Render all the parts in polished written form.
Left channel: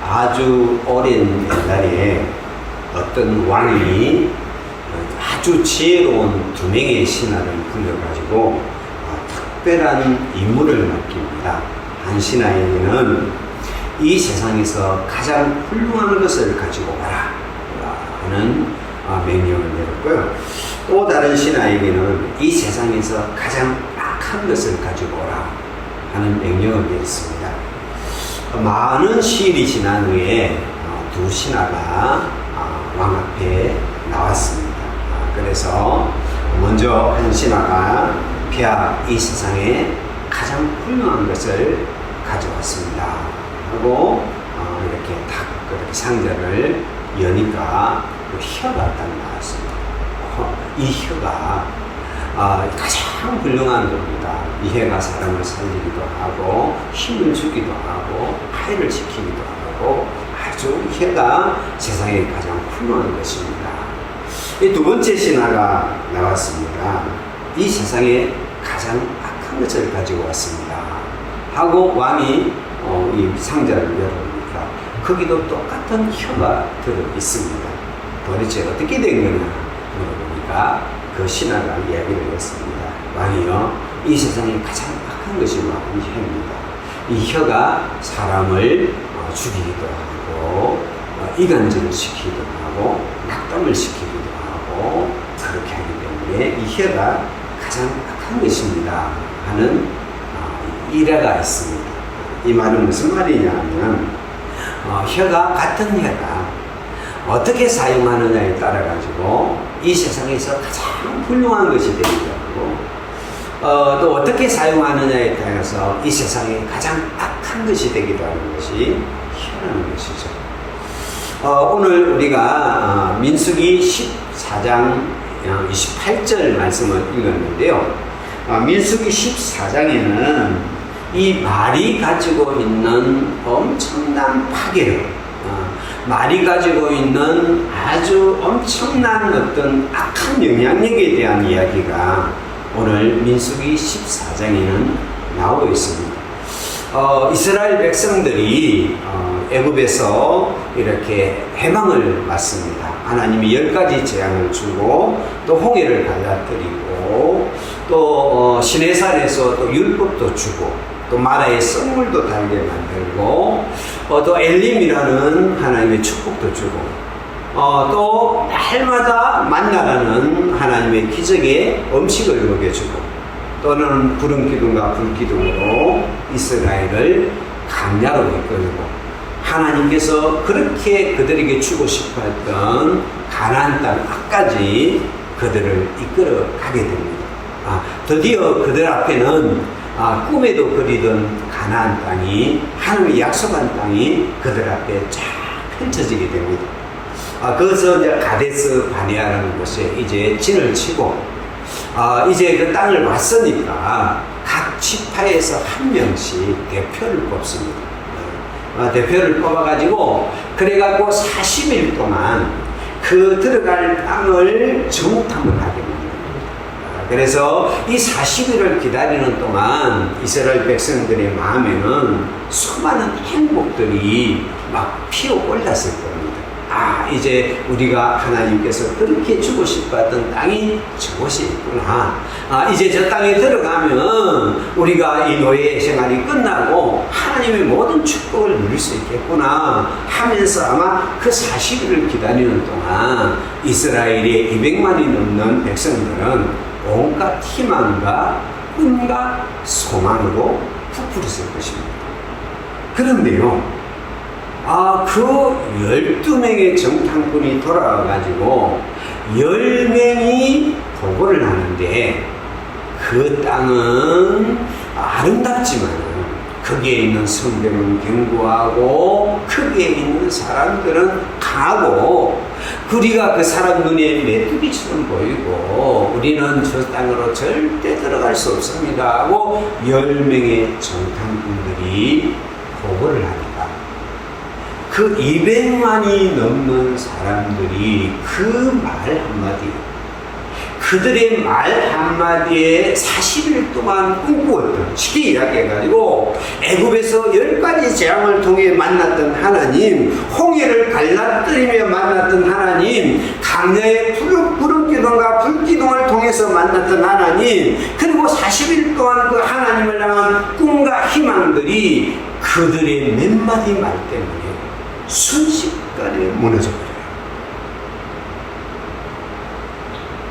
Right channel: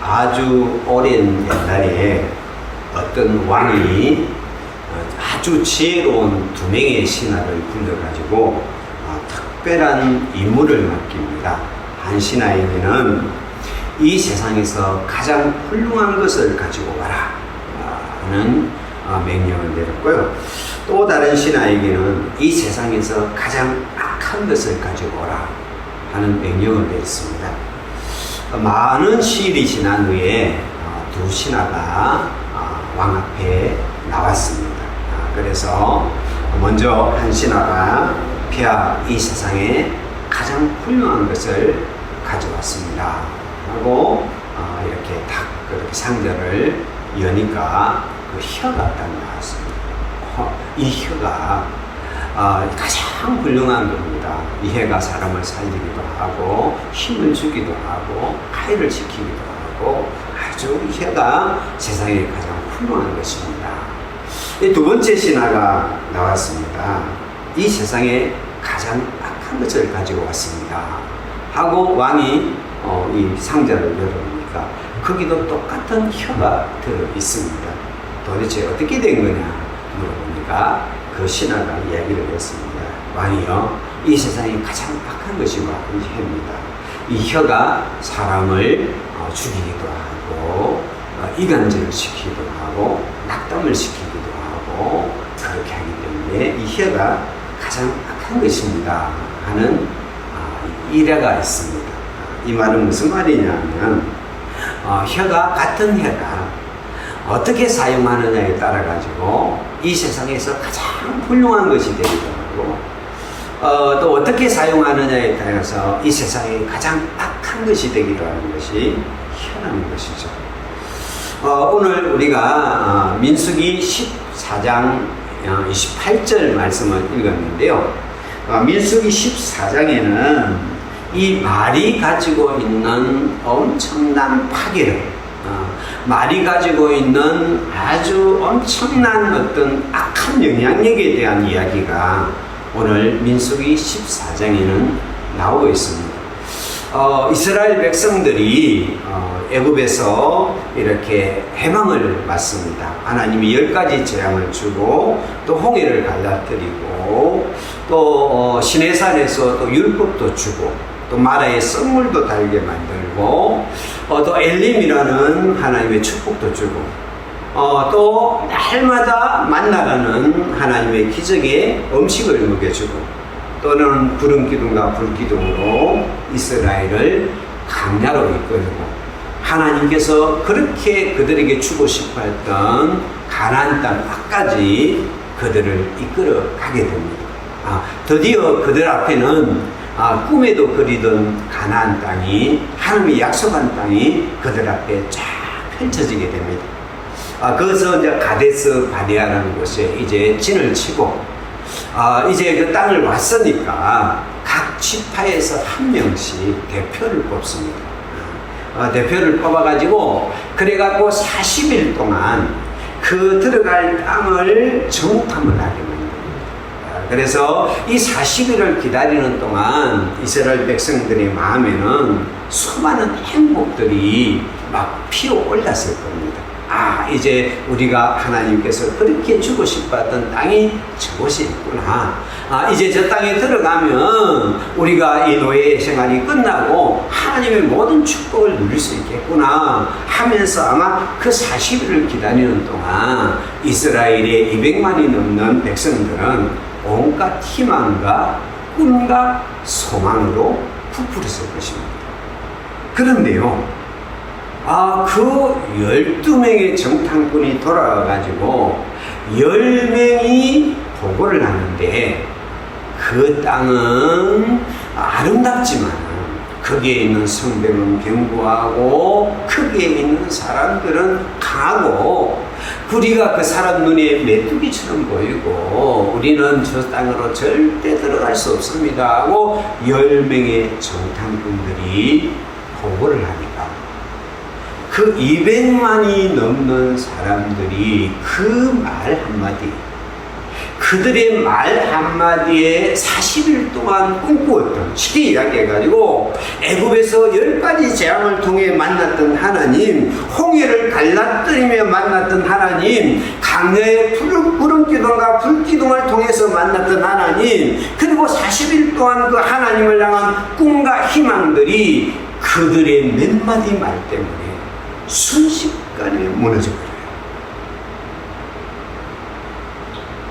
아주 오랜 옛날에 어떤 왕이 아주 지혜로운 두 명의 신하를 불러가지고 특별한 임무를 맡깁니다. 한 신하에게는 이 세상에서 가장 훌륭한 것을 가지고 와라 하는 명령을 내렸고요. 또 다른 신하에게는 이 세상에서 가장 악한 것을 가지고 오라 하는 명령을 내렸습니다. 많은 시일이 지난 후에 두 신하가 왕 앞에 나왔습니다. 그래서 먼저 한 신하가 폐하 이 세상에 가장 훌륭한 것을 가져왔습니다 하고 이렇게 딱 그렇게 상자를 여니까 그 혀가 딱 나왔습니다. 이 혀가 가장 훌륭한 겁니다. 이 혀가 사람을 살리기도 하고 힘을 주기도 하고 아이를 지키기도 하고 아주 이 혀가 세상에 가장 훌륭한 것입니다. 이 두 번째 신하가 나왔습니다. 이 세상에 가장 악한 것을 가지고 왔습니다 하고 왕이 이 상자를 열어보니까 거기도 똑같은 혀가 들어 있습니다. 도대체 어떻게 된 거냐 물어보니까 그 신하가 이야기를 했습니다. 왕이요, 이 세상에 가장 악한 것이 바로 이 혀입니다. 이 혀가 사람을 죽이기도 하고 이간질을 시키기도 하고 낙담을 시키기도 하고 그렇게 하기 때문에 이 혀가 가장 악한 것입니다 하는 일화가 있습니다. 이 말은 무슨 말이냐면 혀가 같은 혀가 어떻게 사용하느냐에 따라 가지고 이 세상에서 가장 훌륭한 것이 되기도 하고 또 어떻게 사용하느냐에 따라서 이 세상에 가장 악한 것이 되기도 하는 것이 혀라는 것이죠. 오늘 우리가 민수기 14장 28절 말씀을 읽었는데요. 민수기 14장에는 이 말이 가지고 있는 엄청난 파괴력, 말이 가지고 있는 아주 엄청난 어떤 악한 영향력에 대한 이야기가 오늘 민수기 14장에는 나오고 있습니다. 이스라엘 백성들이 애굽에서 이렇게 해방을 맞습니다. 하나님이 10가지 재앙을 주고 또 홍해를 갈라뜨리고 또 시내산에서 또 율법도 주고 또 마라의 썩물도 달게 만들고 또 엘림이라는 하나님의 축복도 주고 또 날마다 만나라는 하나님의 기적의 음식을 먹여주고 또는 구름 기둥과 불 기둥으로 이스라엘을 광야로 이끌고 하나님께서 그렇게 그들에게 주고 싶어 했던 가나안 땅 앞까지 그들을 이끌어 가게 됩니다. 드디어 그들 앞에는 꿈에도 그리던 가나안 땅이 하나님이 약속한 땅이 그들 앞에 쫙 펼쳐지게 됩니다. 거기서 이제 가데스 바네아라는 곳에 이제 진을 치고 이제 그 땅을 왔으니까 각 지파에서 한 명씩 대표를 뽑습니다. 대표를 뽑아가지고 그래갖고 40일 동안 그 들어갈 땅을 정탐을 하게 만듭니다. 그래서 이 40일을 기다리는 동안 이스라엘 백성들의 마음에는 수많은 행복들이 막 피어올랐을 겁니다. 이제 우리가 하나님께서 그렇게 주고 싶었던 땅이 저곳이 있구나. 이제 저 땅에 들어가면 우리가 이 노예 생활이 끝나고 하나님의 모든 축복을 누릴 수 있겠구나 하면서 아마 그 40일을 기다리는 동안 이스라엘의 200만이 넘는 백성들은 온갖 희망과 꿈과 소망으로 부풀었을 것입니다. 그런데요, 그 12명의 정탐꾼이 돌아와가지고 10명이 보고를 하는데 그 땅은 아름답지만 거기에 있는 성벽은 견고하고 거기에 있는 사람들은 강하고 우리가 그 사람 눈에 메뚜기처럼 보이고 우리는 저 땅으로 절대 들어갈 수 없습니다 하고 10명의 정탐꾼들이 보고를 하니까 그 200만이 넘는 사람들이 그 말 한마디, 그들의 말 한마디에 40일 동안 꿈꾸었던, 쉽게 이야기해가지고 애굽에서 10가지 재앙을 통해 만났던 하나님, 홍해를 갈라뜨리며 만났던 하나님, 강야의 구름기둥과 불기둥을 통해서 만났던 하나님, 그리고 40일 동안 그 하나님을 향한 꿈과 희망들이 그들의 몇 마디 말 때문에 순식간에 무너져버려요.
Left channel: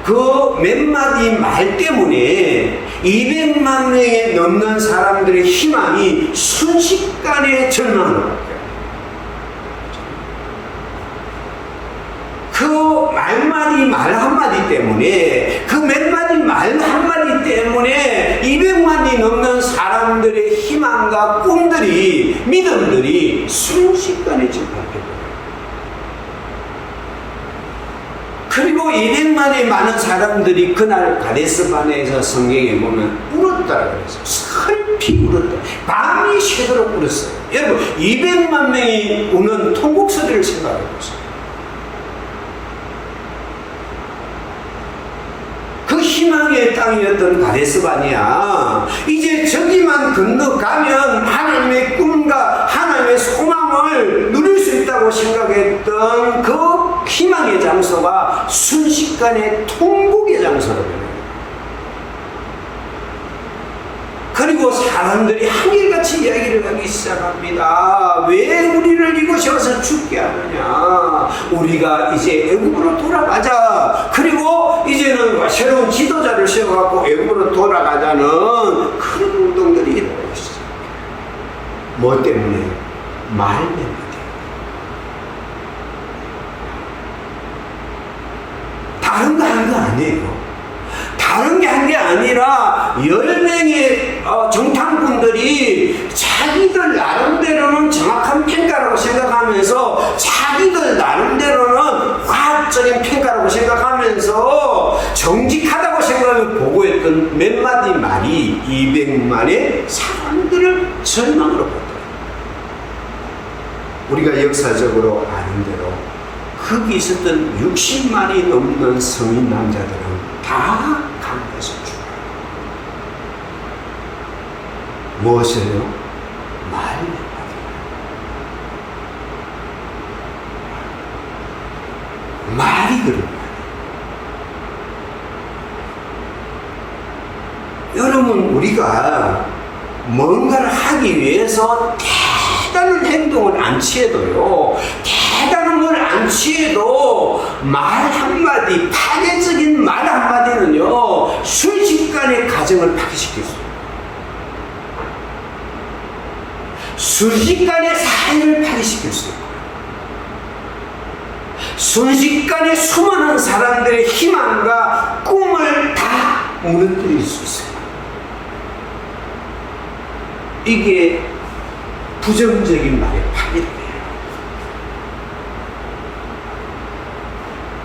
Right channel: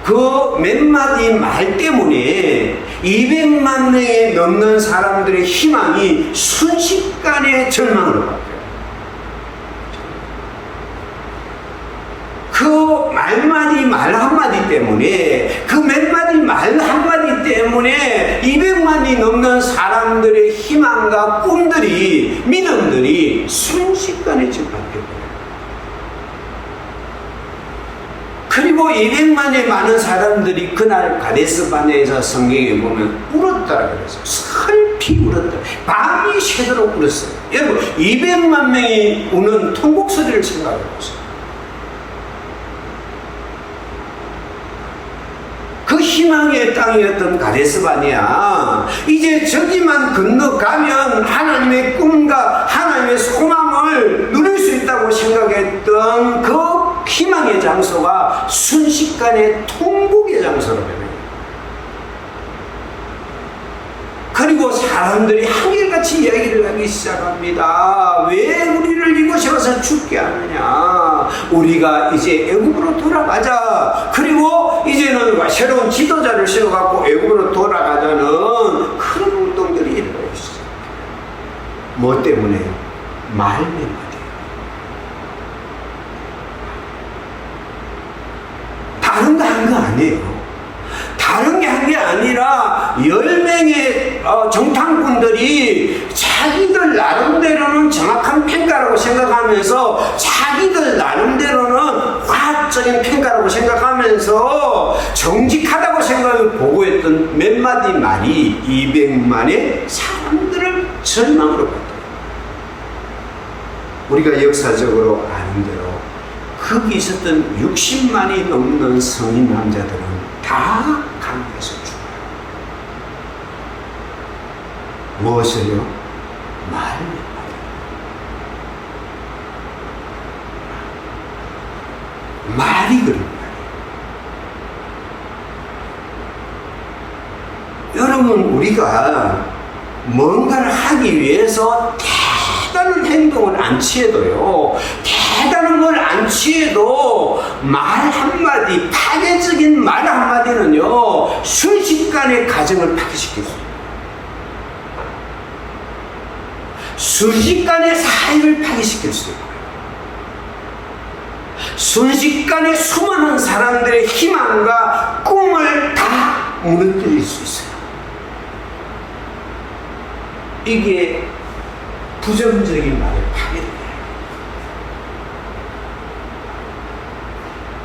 그 몇 마디 말 때문에 200만 명에 넘는 사람들의 희망이 순식간에 절망으로 바뀌어요. 그 말 한마디 때문에, 그 몇 마디 말 한마디 때문에 200만이 넘는 사람들의 희망과 꿈들이, 믿음들이 순식간에 바뀌어버려요. 그리고 200만의 많은 사람들이 그날 가데스바네에서 성경에 보면 울었다라 그랬어요. 슬피 울었다. 밤이 새도록 울었어요. 여러분, 200만 명이 우는 통곡 소리를 생각해 보세요. 그 희망의 땅이었던 가데스바네아, 이제 저기만 건너가면 하나님의 꿈과 하나님의 소망을 누릴 수 있다고 생각했던 그 희망의 장소가 순식간에 통곡의 장소로 변해요. 그리고 사람들이 한결같이 이야기를 하기 시작합니다. 왜 우리를 이곳에 와서 죽게 하느냐? 우리가 이제 애굽으로 돌아가자. 그리고 이제는 새로운 지도자를 세워갖고 애굽으로 돌아가자는 그런 운동들이 일어나기 시작해요. 뭐 때문에요? 말 몇 마디. 다른 거 한 거 아니에요. 다른 게 한 게 아니라 10명의 정탐꾼들이 자기들 나름대로는 정확한 평가라고 생각하면서, 자기들 나름대로는 과학적인 평가라고 생각하면서 정직하다고 생각을 보고했던 몇 마디 말이 200만의 사람들을 절망으로 봤다. 우리가 역사적으로 아는 대로 거기 있었던 60만이 넘는 성인 남자들은 다 강에서 죽어요. 무엇을요? 말 몇 마디. 말이 그런 말이에요. 여러분, 우리가 뭔가를 하기 위해서 대단한 행동을 안 취해도요, 대단한 걸 안 취해도 말 한마디, 파괴적인 말 한마디는요, 순식간에 가정을 파괴시켰어요. 순식간에 사회를 파괴시킬 수 있고요. 순식간에 수많은 사람들의 희망과 꿈을 다 무너뜨릴 수 있어요. 이게 부정적인 말의 파괴력이에요.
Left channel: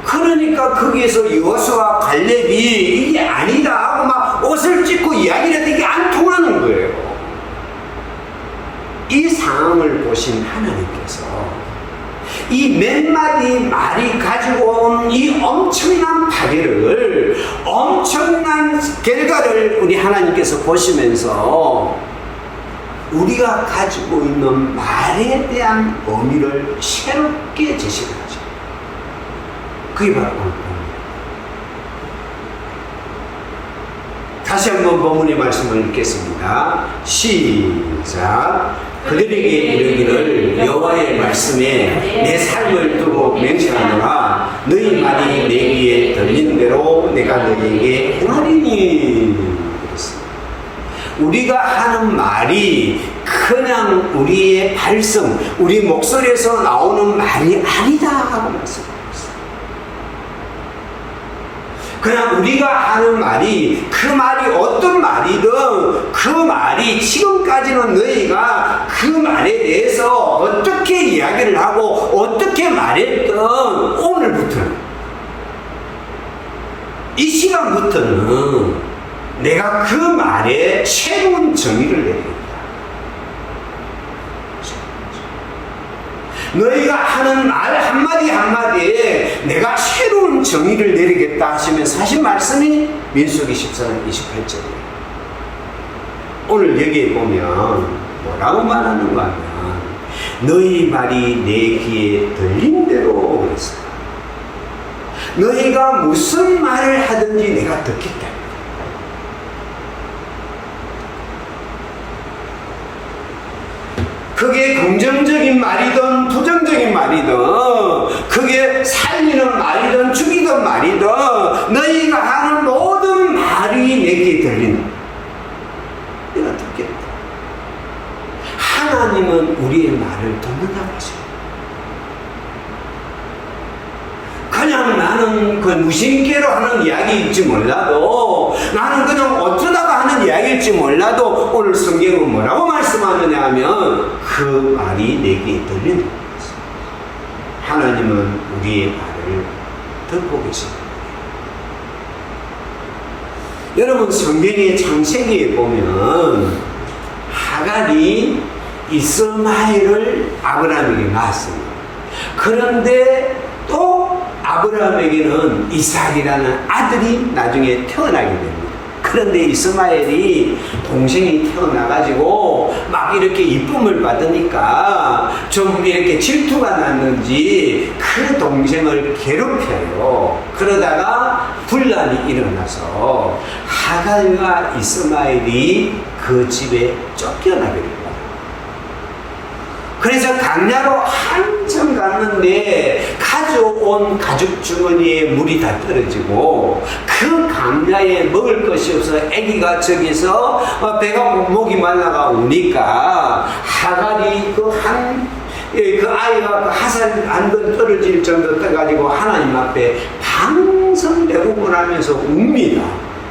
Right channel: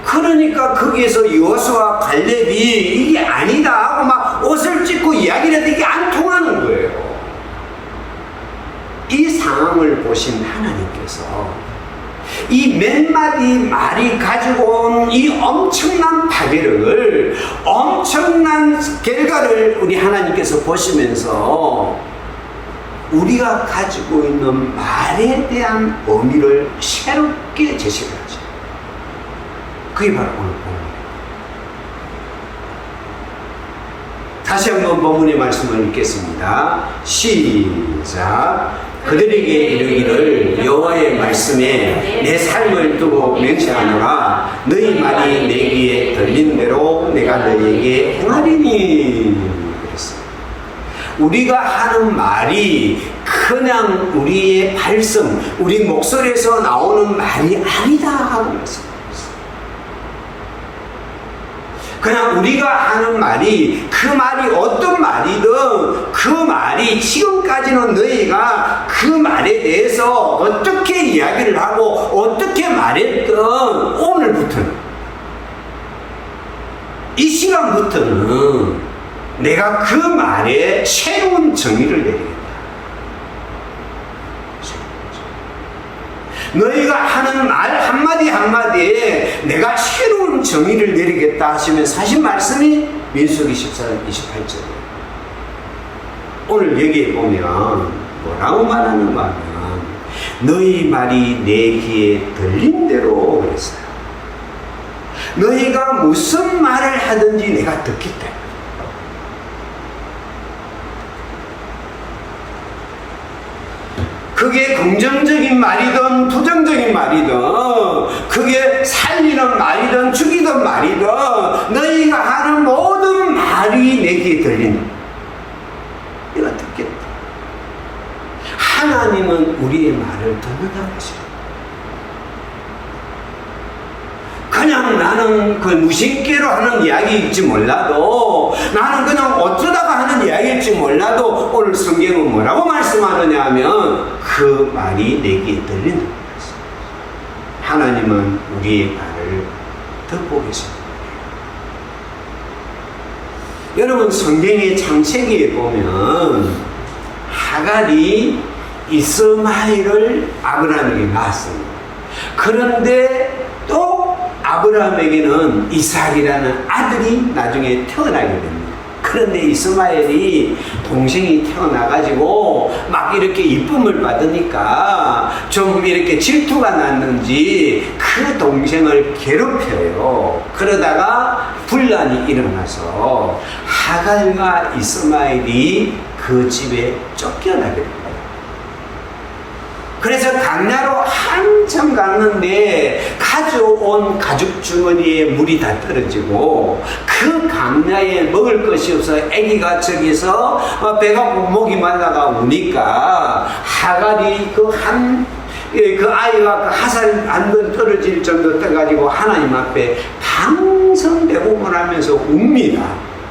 그러니까 거기에서 여호수아 갈렙이 이게 아니다 하고 막 옷을 찢고 이야기를 해도 이게 안 통하는 거예요. 이 상황을 보신 하나님께서 이 몇 마디 말이 가지고 온 이 엄청난 파괴력을, 엄청난 결과를 우리 하나님께서 보시면서 우리가 가지고 있는 말에 대한 의미를 새롭게 제시를 하죠. 그게 바로 오늘 본문입니다. 다시 한번 본문의 말씀을 읽겠습니다. 시작. 그들에게 이르기를 여호와의 말씀에 내 삶을 두고 맹세하노라. 너희 말이 내 귀에 들린 대로 내가 너희에게 행하리니. 그랬어요. 우리가 하는 말이 그냥 우리의 발성, 우리 목소리에서 나오는 말이 아니다 하고 말씀합니다. 그냥 우리가 하는 말이, 그 말이 어떤 말이든 그 말이 지금까지는 너희가 그 말에 대해서 어떻게 이야기를 하고 어떻게 말했든 오늘부터는, 이 시간부터는 내가 그 말에 새로운 정의를 내리겠다. 너희가 하는 말 한마디 한마디에 내가 새로운 정의를 내리겠다 하시면서 하신 말씀이 민수기 14장 28절이에요. 오늘 여기에 보면 뭐라고 말하는가 하면 너희 말이 내 귀에 들린 대로 그랬어요. 너희가 무슨 말을 하든지 내가 듣기 때문에. 그게 긍정적인 말이든 부정적인 말이든 그게 살리는 말이든 죽이는 말이든 너희가 하는 모든 말이 내게 들린다. 내가 듣겠다. 하나님은 우리의 말을 듣는다고 하시죠. 그냥 나는 그 무심결로 하는 이야기일지 몰라도 나는 그냥 어쩌다가 하는 이야기일지 몰라도 오늘 성경은 뭐라고 말씀하느냐 하면 그 말이 내게 들리는 거예요. 하나님은 우리의 말을 듣고 계십니다. 여러분 성경의 창세기에 보면 하갈이 이스마엘을 아브라함에게 낳았습니다. 그런데 또 아브라함에게는 이삭이라는 아들이 나중에 태어나게 됩니다. 그런데 이스마엘이 동생이 태어나가지고 막 이렇게 이쁨을 받으니까 좀 이렇게 질투가 났는지 그 동생을 괴롭혀요. 그러다가 분란이 일어나서 하갈과 이스마엘이 그 집에 쫓겨나게 됩니다. 그래서 강야로 한참 갔는데 가져온 가죽 주머니에 물이 다 떨어지고 그 강야에 먹을 것이 없어 아기가 저기서 배가 목이 말라가 우니까 하갈이 그 아이가 그 하산 안 건 떨어질 정도 떠가지고 하나님 앞에 방성대고을 하면서 웁니다.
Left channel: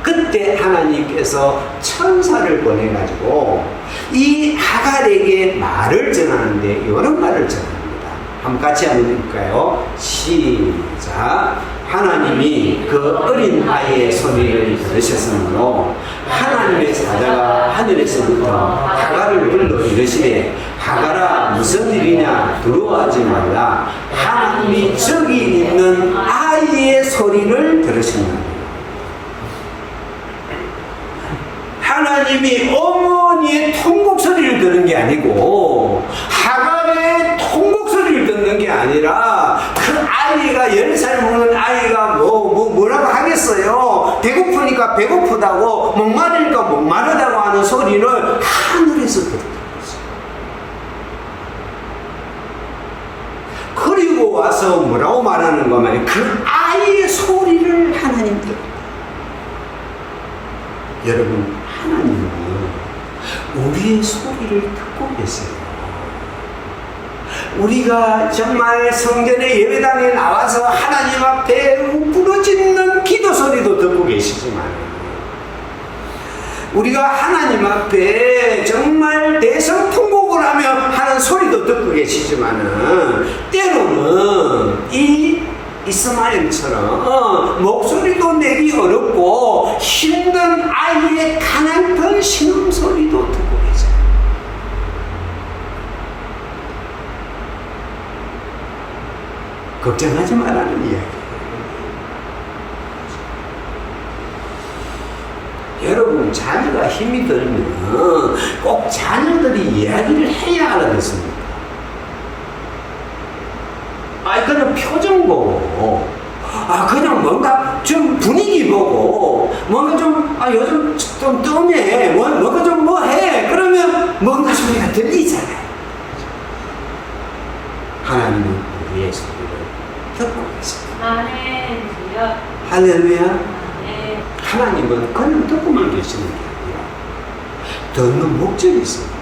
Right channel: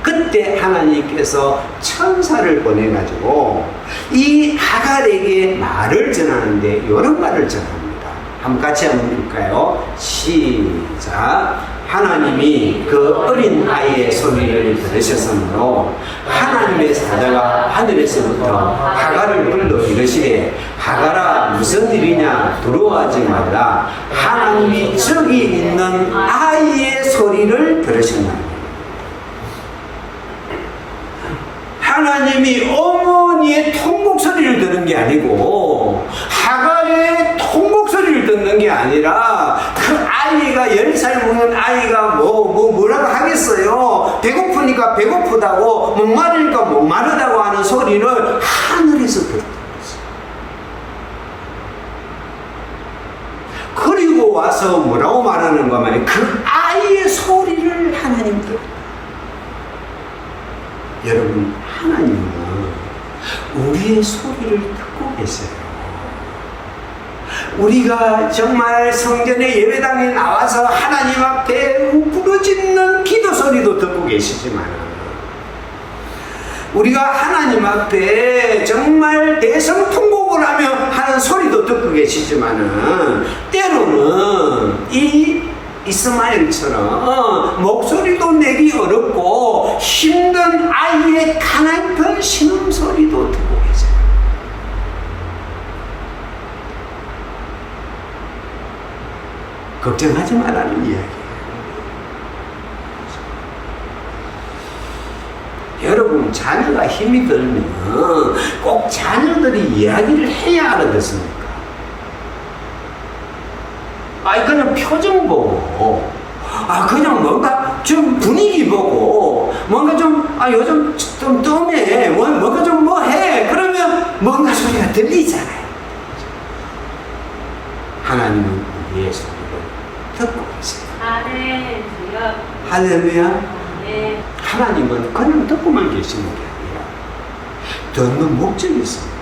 그때 하나님께서 천사를 보내가지고 이 하갈에게 말을 전하는데 이런 말을 전합니다. 한번 같이 한번 읽을까요? 시작. 하나님이 그 어린 아이의 소리를 들으셨으므로 하나님의 사자가 하늘에서부터 하갈을 불러 이르시되 하갈아 무슨 일이냐 두려워하지 말라. 하나님이 저기 있는 아이의 소리를 들으셨나니. 하나님이 어머니의 통곡 소리를 듣는 게 아니고 하갈의 통곡 소리를 듣는 게 아니라 그 아이가 10살 먹는 아이가 뭐라고 하겠어요. 배고프니까 배고프다고 목마르니까 목마르다고 하는 소리를 하늘에서 들었던 거죠. 그리고 와서 뭐라고 말하는 거면 그 아이의 소리를 하나님 들었다. 여러분 하나님은 우리의 소리를 듣고 계세요. 우리가 정말 성전의 예배당에 나와서 하나님 앞에 부르짖는 기도 소리도 듣고 계시지만 우리가 하나님 앞에 정말 대성통곡을 하며 하는 소리도 듣고 계시지만은 때로는 이 이스마엘처럼 목소리도 내기 어렵고 힘든 아이의 가난한 신음소리도 듣고 계세요. 걱정하지 말라는 이야기예요. 여러분 자녀가 힘이 들면 꼭 자녀들이 이야기를 해야 알아듣습니까? 그냥 표정 보고, 그냥 뭔가 좀 분위기 보고, 뭔가 좀, 요즘 좀 뜸해. 뭔가 좀 뭐 해. 그러면 뭔가 소리가 들리잖아요. 하나님은 우리의 소리를 듣고 계세요. 할렐루야. 하나님은 그냥 듣고만 계시는 게 아니라 듣는 목적이 있습니다.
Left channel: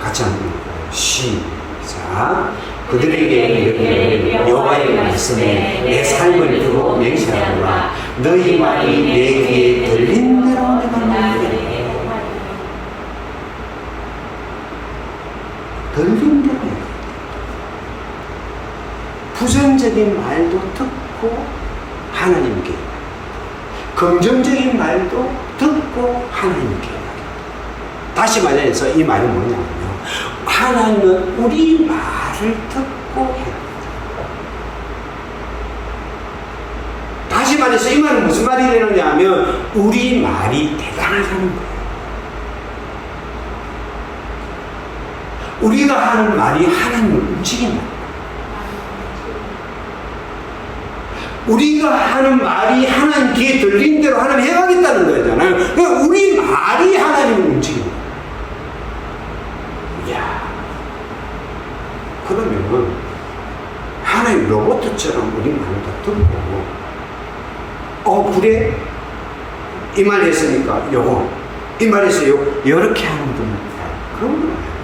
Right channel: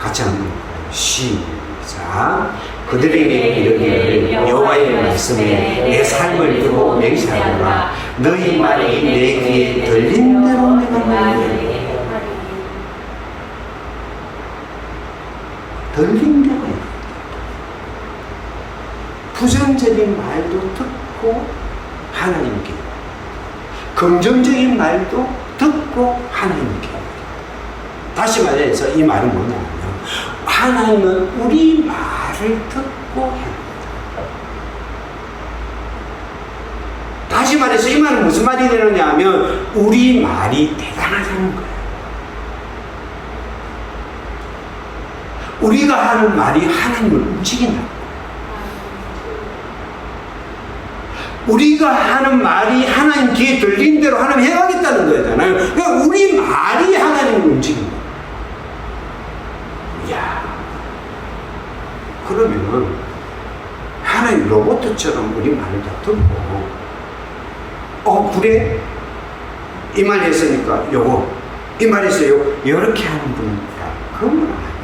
같이 한번 읽어요. 시작. 그들에게 이르기를 여호와의 말씀에 내 삶을 두고 맹세하노라. 너희 말이 내 귀에 들린 대로 내가 말하리라. 들린 대로 말하리라. 부정적인 말도 듣고 하나님께 말합니다. 긍정적인 말도 듣고 하나님께 말합니다. 다시 말해서 이 말은 뭐냐면 하나님은 우리 말을 듣고 행합니다. 다시 말해서 이 말은 무슨 말이 되느냐 하면 우리 말이 대단하다는 거예요. 우리가 하는 말이 하나님을 움직인다는 거예요. 우리가 하는 말이 하나님 귀에 들린 대로 하나님 해가겠다는 거잖아요. 그러니까 우리 말이 하나님을 움직인다. 이야, 그러면 하나님 로봇처럼 우리 말을 다 듣고 그래? 이 말 했으니까 요거 이 말 했어요. 이렇게 하는 분은 있다. 그건 아니에요.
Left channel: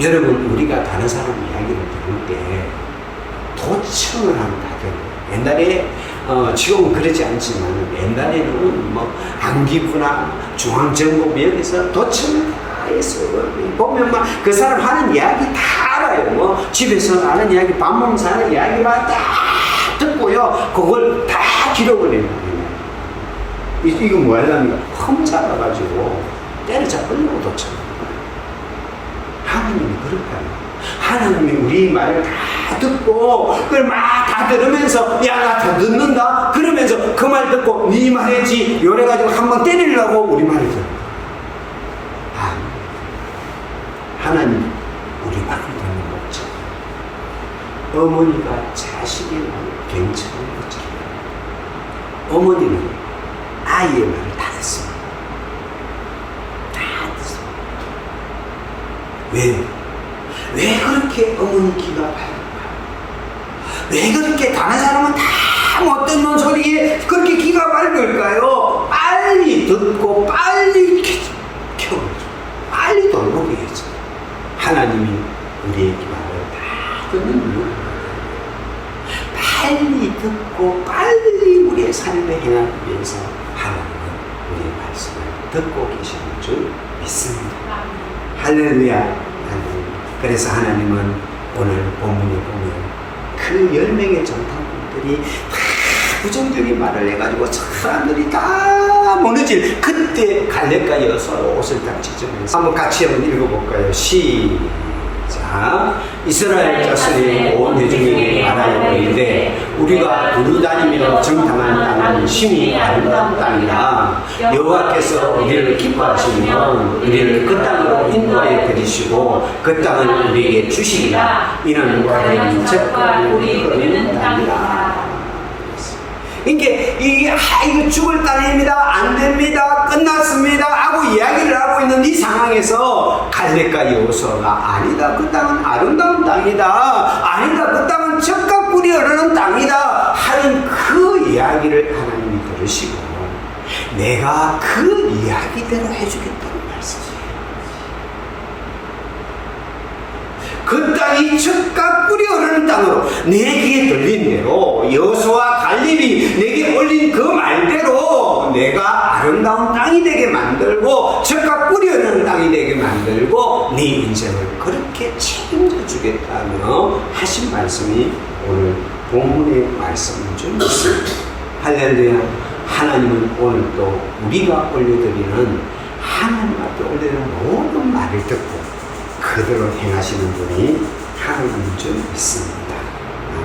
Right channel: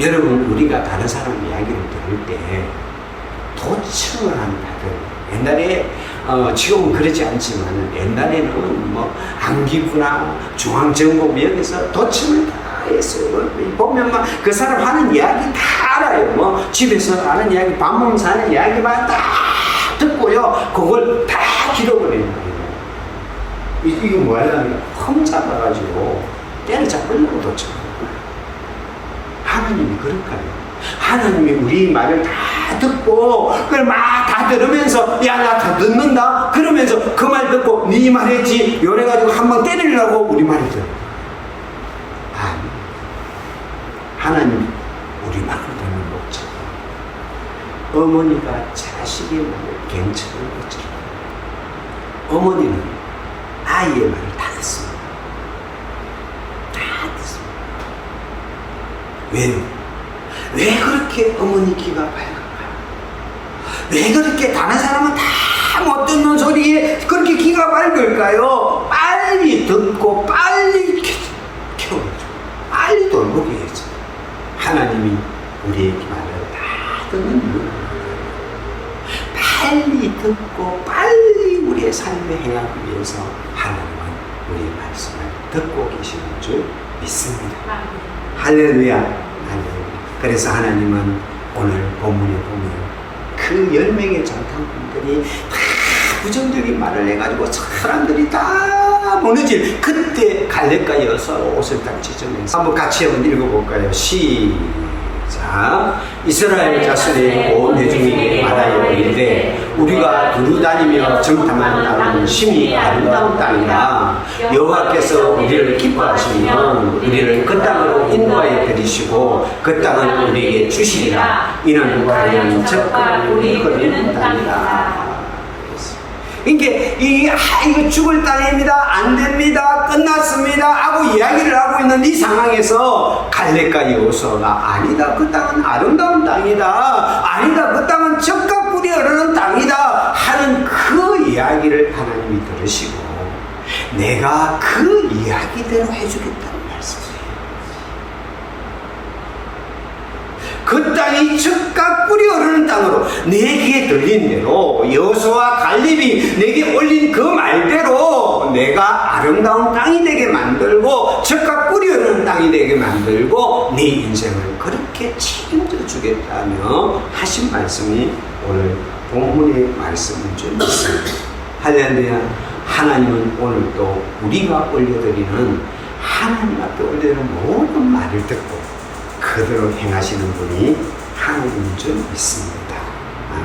여러분, 우리가 다른 사람 이야기를 들을 때 도청을 하면 다 들어요. 옛날에 지금은 그러지 않지만 옛날에는 뭐 안기부나 중앙정보부역에서 도청을 다 했어요. 보면 막 그 사람 하는 이야기 다 알아요. 뭐 집에서 하는 이야기, 밥 먹으면서 하는 이야기만 다 듣고요. 그걸 다 기록을 해놔요. 이거 뭐 하려면 흠 잡아가지고 때려잡으려고 도청하는 거예요. 하나님이 그럴까요? 하나님이 우리 말을 다 듣고 그걸 막 다 들으면서 야, 나 다 듣는다 그러면서 그 말 듣고 네 말했지 이래가지고 한번 때리려고 우리 말을 들은 거예요. 아니, 하나님이 우리 말을 듣는 목적, 어머니가 자식의 말을 갱처럼 듣잖아요. 어머니는 아이의 말을 다 듣습니다. 다 듣습니다. 왜요? 왜 그렇게 어머니 귀가 밝은가요? 왜 그렇게 다른 사람은 다 못 듣는 소리에 그렇게 귀가 밝을까요? 빨리 듣고 빨리 켜줘요. 빨리 돌보게 해줘요. 하나님이 우리의 말을 다 듣는 이유는 빨리 듣고 빨리 우리의 삶에 행하기 위해서 하나님은 우리의 말씀을 듣고 계시는 줄 믿습니다. 할렐루야. 할렐루야. 그래서 하나님은 오늘 본문에 보면 그 10명의 정탐꾼들이 다 부정적인 말을 해가지고 사람들이 다 무너질 그때 갈렙과 여호수아가 옷을 딱 찢으면서 한번 같이 한번 읽어볼까요? 시작. 이스라엘 자손의 온 회중에게 말하여 이르되 우리가 두루다니며 정탐한 땅은 심히 아름다운 땅이라 여호와께서 우리를 기뻐하시면 우리를 그 땅으로 인도하여 들이시고 그 땅을 우리에게 주시리라. 이는 과연 적과 꿀이 흐르는 땅이라. 이게 이거 죽을 땅입니다. 안 됩니다. 끝났습니다. 하고 이야기를 하고 있는 이 상황에서 갈렙과 여호수아가 아니다. 그 땅은 아름다운 땅이다. 아니다. 그 땅은 젖과 꿀이 흐르는 땅이다. 하는 그 이야기를 하나님이 들으시고 내가 그 이야기대로 해주겠다는 말씀이에요. 그 땅이 젖과 꿀이 흐르는 땅으로 내 귀에 들린 대로 여호수아와 갈렙이 내게 올린 그 말대로 내가 아름다운 땅이 되게 만들고 젖과 꿀이 흐르는 땅이 되게 만들고 네 인생을 그렇게 책임져 주겠다며 하신 말씀이 오늘 본문의 말씀인 줄 믿습니다. 할렐루야. 하나님은 오늘 또 우리가 올려드리는 하나님 앞에 올려드리는 모든 말을 듣고 그대로 행하시는 분이 하나님인 줄 믿습니다.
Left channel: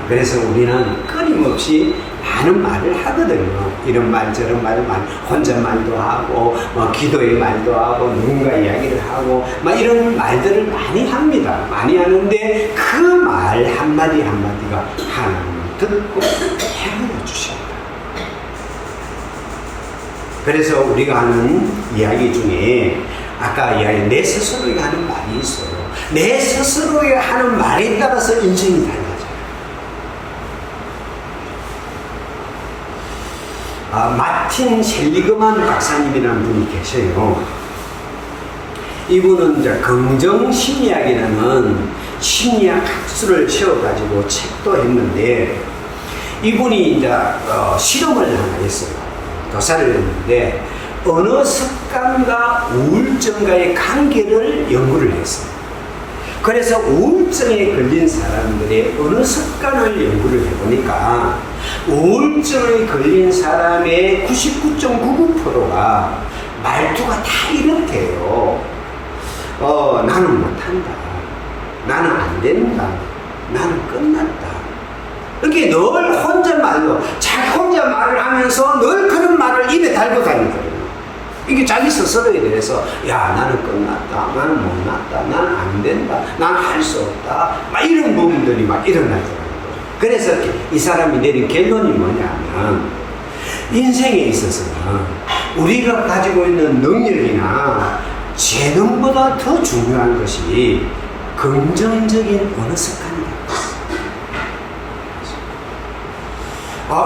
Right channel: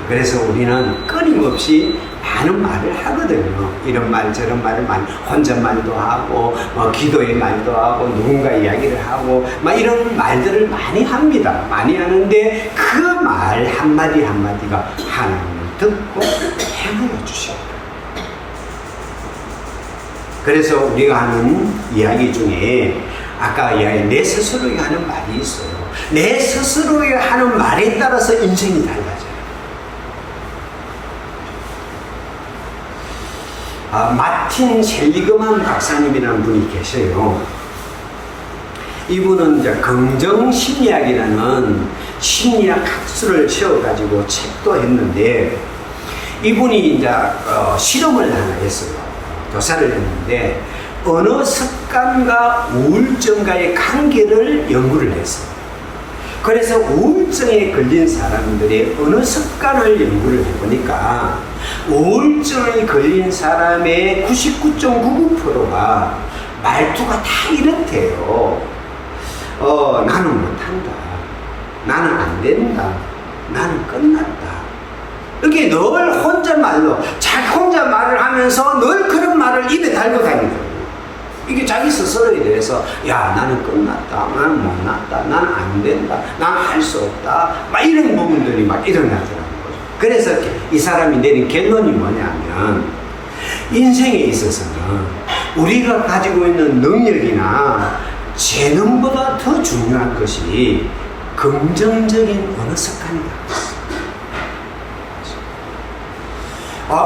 그래서 우리는 끊임없이 많은 말을 하거든요. 이런 말 저런 말을 많이 혼잣말도 하고 기도의 말도 하고 누군가 이야기를 하고 이런 말들을 많이 합니다. 많이 하는데 그 말 한마디 한마디가 하나님을 듣고 행하여 주십니다. 그래서 우리가 하는 이야기 중에 아까 이야기 내 스스로에게 하는 말이 있어요. 내 스스로에게 하는 말에 따라서 인생이 달라져요. 마틴 셀리그만 박사님이라는 분이 계세요. 이분은 이제 긍정심리학이라는 심리학 학술을 세워가지고 책도 했는데 이분이 이제 실험을 하나 했어요. 조사를 했는데 어느 습관과 우울증과의 관계를 연구를 했어요. 그래서 우울증에 걸린 사람들의 어느 습관을 연구를 해보니까 우울증에 걸린 사람의 99.99%가 말투가 다 이렇대요. 나는 못한다. 나는 안 된다. 나는 끝났다. 이렇게 늘 혼잣말로, 자기 혼자 말을 하면서 늘 그런 말을 입에 달고 다니거든요. 이게 자기 스스로에 대해서, 야, 나는 끝났다. 나는 못났다. 나는 안 된다. 나는 할 수 없다. 막 이런 부분들이 막 일어나더라는 거죠. 그래서 이 사람이 내린 결론이 뭐냐면, 인생에 있어서는 우리가 가지고 있는 능력이나 재능보다 더 중요한 것이 긍정적인 언어 습관이다.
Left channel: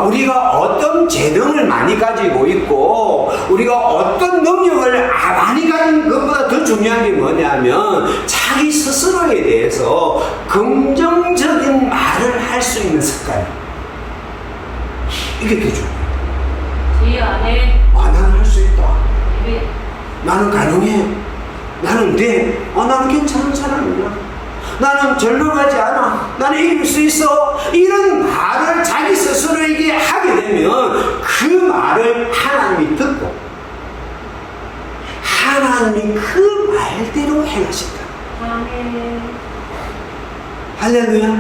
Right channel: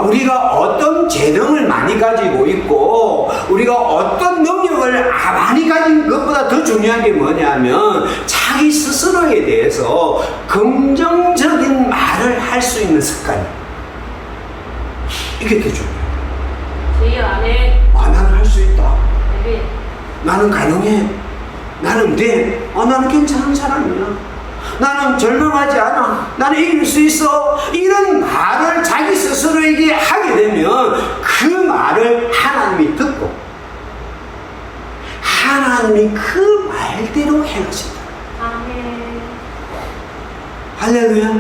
우리가 어떤 재능을 많이 가지고 있고 우리가 어떤 능력을 많이 가진 것보다 더 중요한 게 뭐냐면 자기 스스로에 대해서 긍정적인 말을 할 수 있는 습관. 이게 더 중요해요. 나는 할 수 있다. 나는 가능해. 나는 돼. 나는 괜찮은 사람이야. 나는 절망하지 않아. 나는 이길 수 있어. 이런 말을 자기 스스로에게 하게 되면 그 말을 하나님이 듣고 하나님이 그 말대로 행하신다. 아멘. 할렐루야.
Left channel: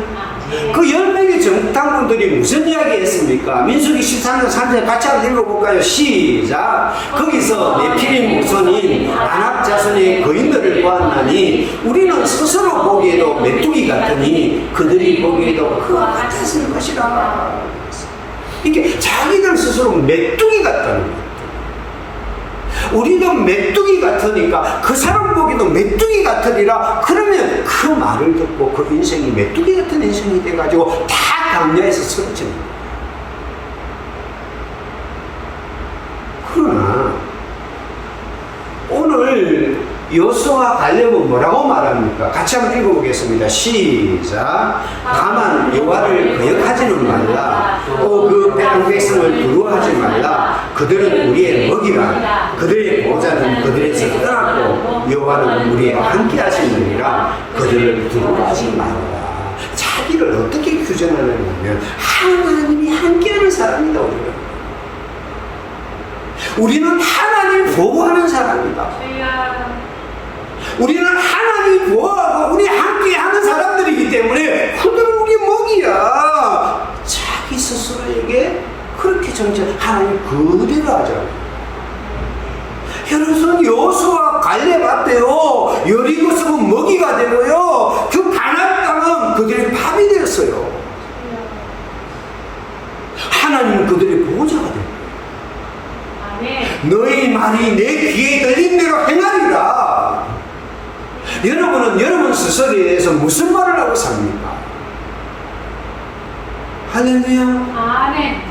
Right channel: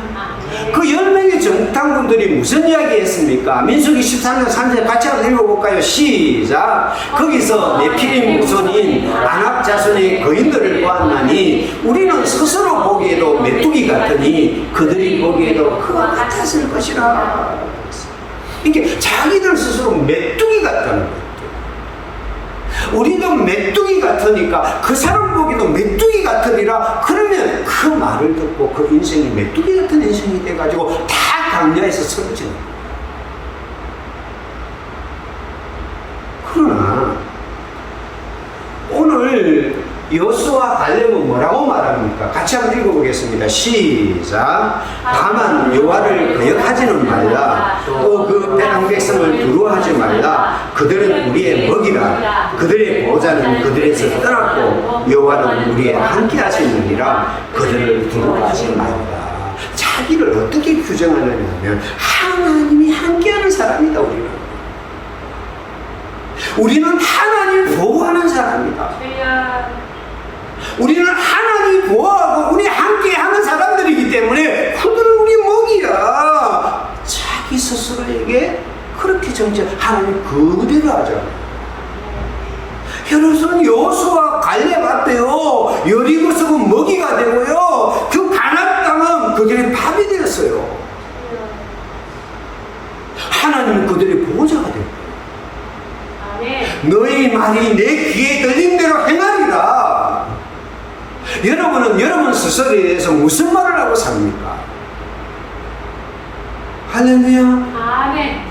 그 10명의 정탐꾼들이 무슨 이야기 했습니까? 민수기 13장 3절 같이 한번 읽어볼까요? 시작. 거기서 네피림 후손인 아낙 자손의 거인들을 보았나니 우리는 스스로 보기에도 메뚜기 같으니 그들이 보기에도 그와 같았을 것이라. 이게 자기들 스스로 메뚜기 같다는 거예요. 우리도 메뚜기 같으니까 그 사람 보기도 메뚜기 같으리라. 그러면 그 말을 듣고 그 인생이 메뚜기 같은 인생이 돼가지고 다 강야에서 쓰러지는 거예요. 그러나 오늘 여호수아와 갈렙은 뭐라고 말합니까? 같이 한번 읽어보겠습니다. 시작. 다만 여호와를 거역하지는 말라. 또 그 백성을 두려워하지 말라. 그들은 우리의 먹이라. 그들의 보호자는 그들에서 떠났고 여호와는 우리의 함께 하시느니라. 그들을 두려워하지 말라. 자기를 어떻게 규정하느냐면 하나님이 함께하는 사람이다. 우리는 하나님이 보호하는 사람이다. 우리는 하나님이 보호하고 우리 함께 하는 사람들이기 때문에 그들은 우리 먹이야. 자기 스스로에게 그렇게 정죄 하나님 그대로 하잖아요. 여러분 여호수아 갈렙 앞에요 여리고 썩은 먹이가 되고요 그 가나안 땅은 그들의 밥이 되었어요. 하나님은 그들의 보호자가 되고 너희 말이 내 귀에 들린 대로 행하리라. 여러분은 여러분 스스로에 대해서 무슨 말을 하고 삽니까? 할렐루야. 아멘.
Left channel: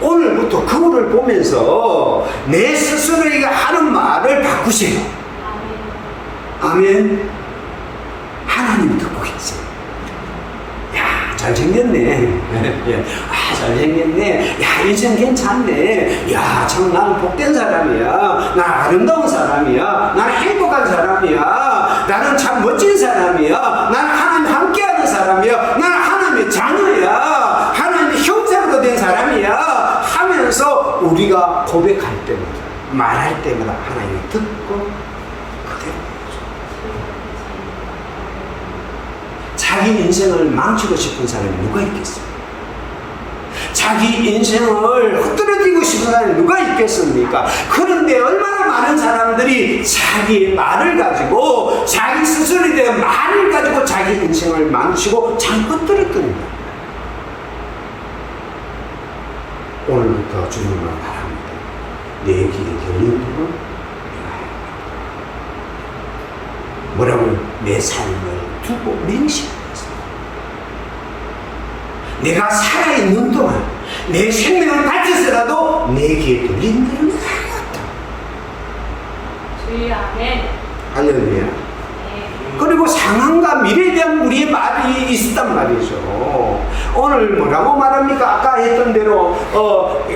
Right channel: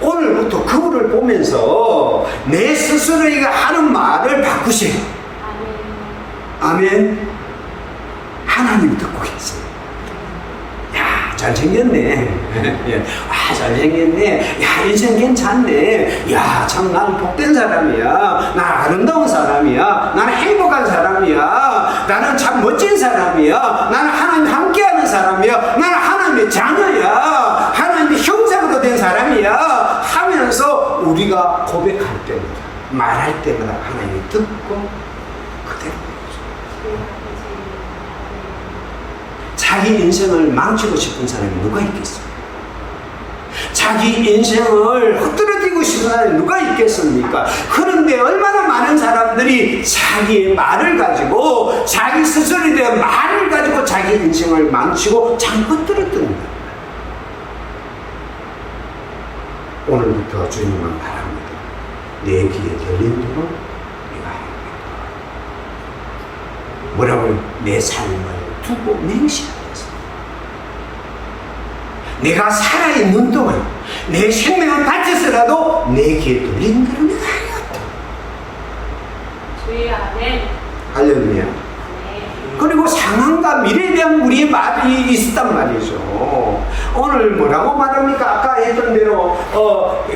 오늘부터 그분을 보면서 내 스스로에게 하는 말을 바꾸세요. 아멘. 아멘. 하나님 듣고 계세요. 잘생겼네. 잘생겼네. 야, 인생 괜찮네. 야, 참 나는 복된 사람이야. 나 아름다운 사람이야. 나는 행복한 사람이야. 나는 참 멋진 사람이야. 나는 하나님 함께하는 사람이야. 나는 하나님의 자녀야. 하나님의 형상으로 된 사람이야. 하면서 우리가 고백할 때마다, 말할 때마다 하나님이 듣고 그대로 자기 인생을 망치고 싶은 사람이 누가 있겠습니까? 자기 인생을 흩어지고 싶은 사람이 누가 있겠습니까? 그런데 얼마나 많은 사람들이 자기의 말을 가지고 자기 스스로에 대한 말을 가지고 자기 인생을 망치고 잘 흩어졌답니다. 오늘부터 주님은 바랍니다. 내 귀에 들린 대로 내가 행하겠다. 뭐라고요? 내 삶을 두고 맹세하라. 내가 살아있는 동안 내 생명을 바쳐서라도 내 귀에 들린 대로 내가 하였다. 주의 아멘. 할렐루야. 그리고 상황과 미래에 대한 우리의 말이 있었단 말이죠. 오늘 뭐라고 말합니까? 아까 했던 대로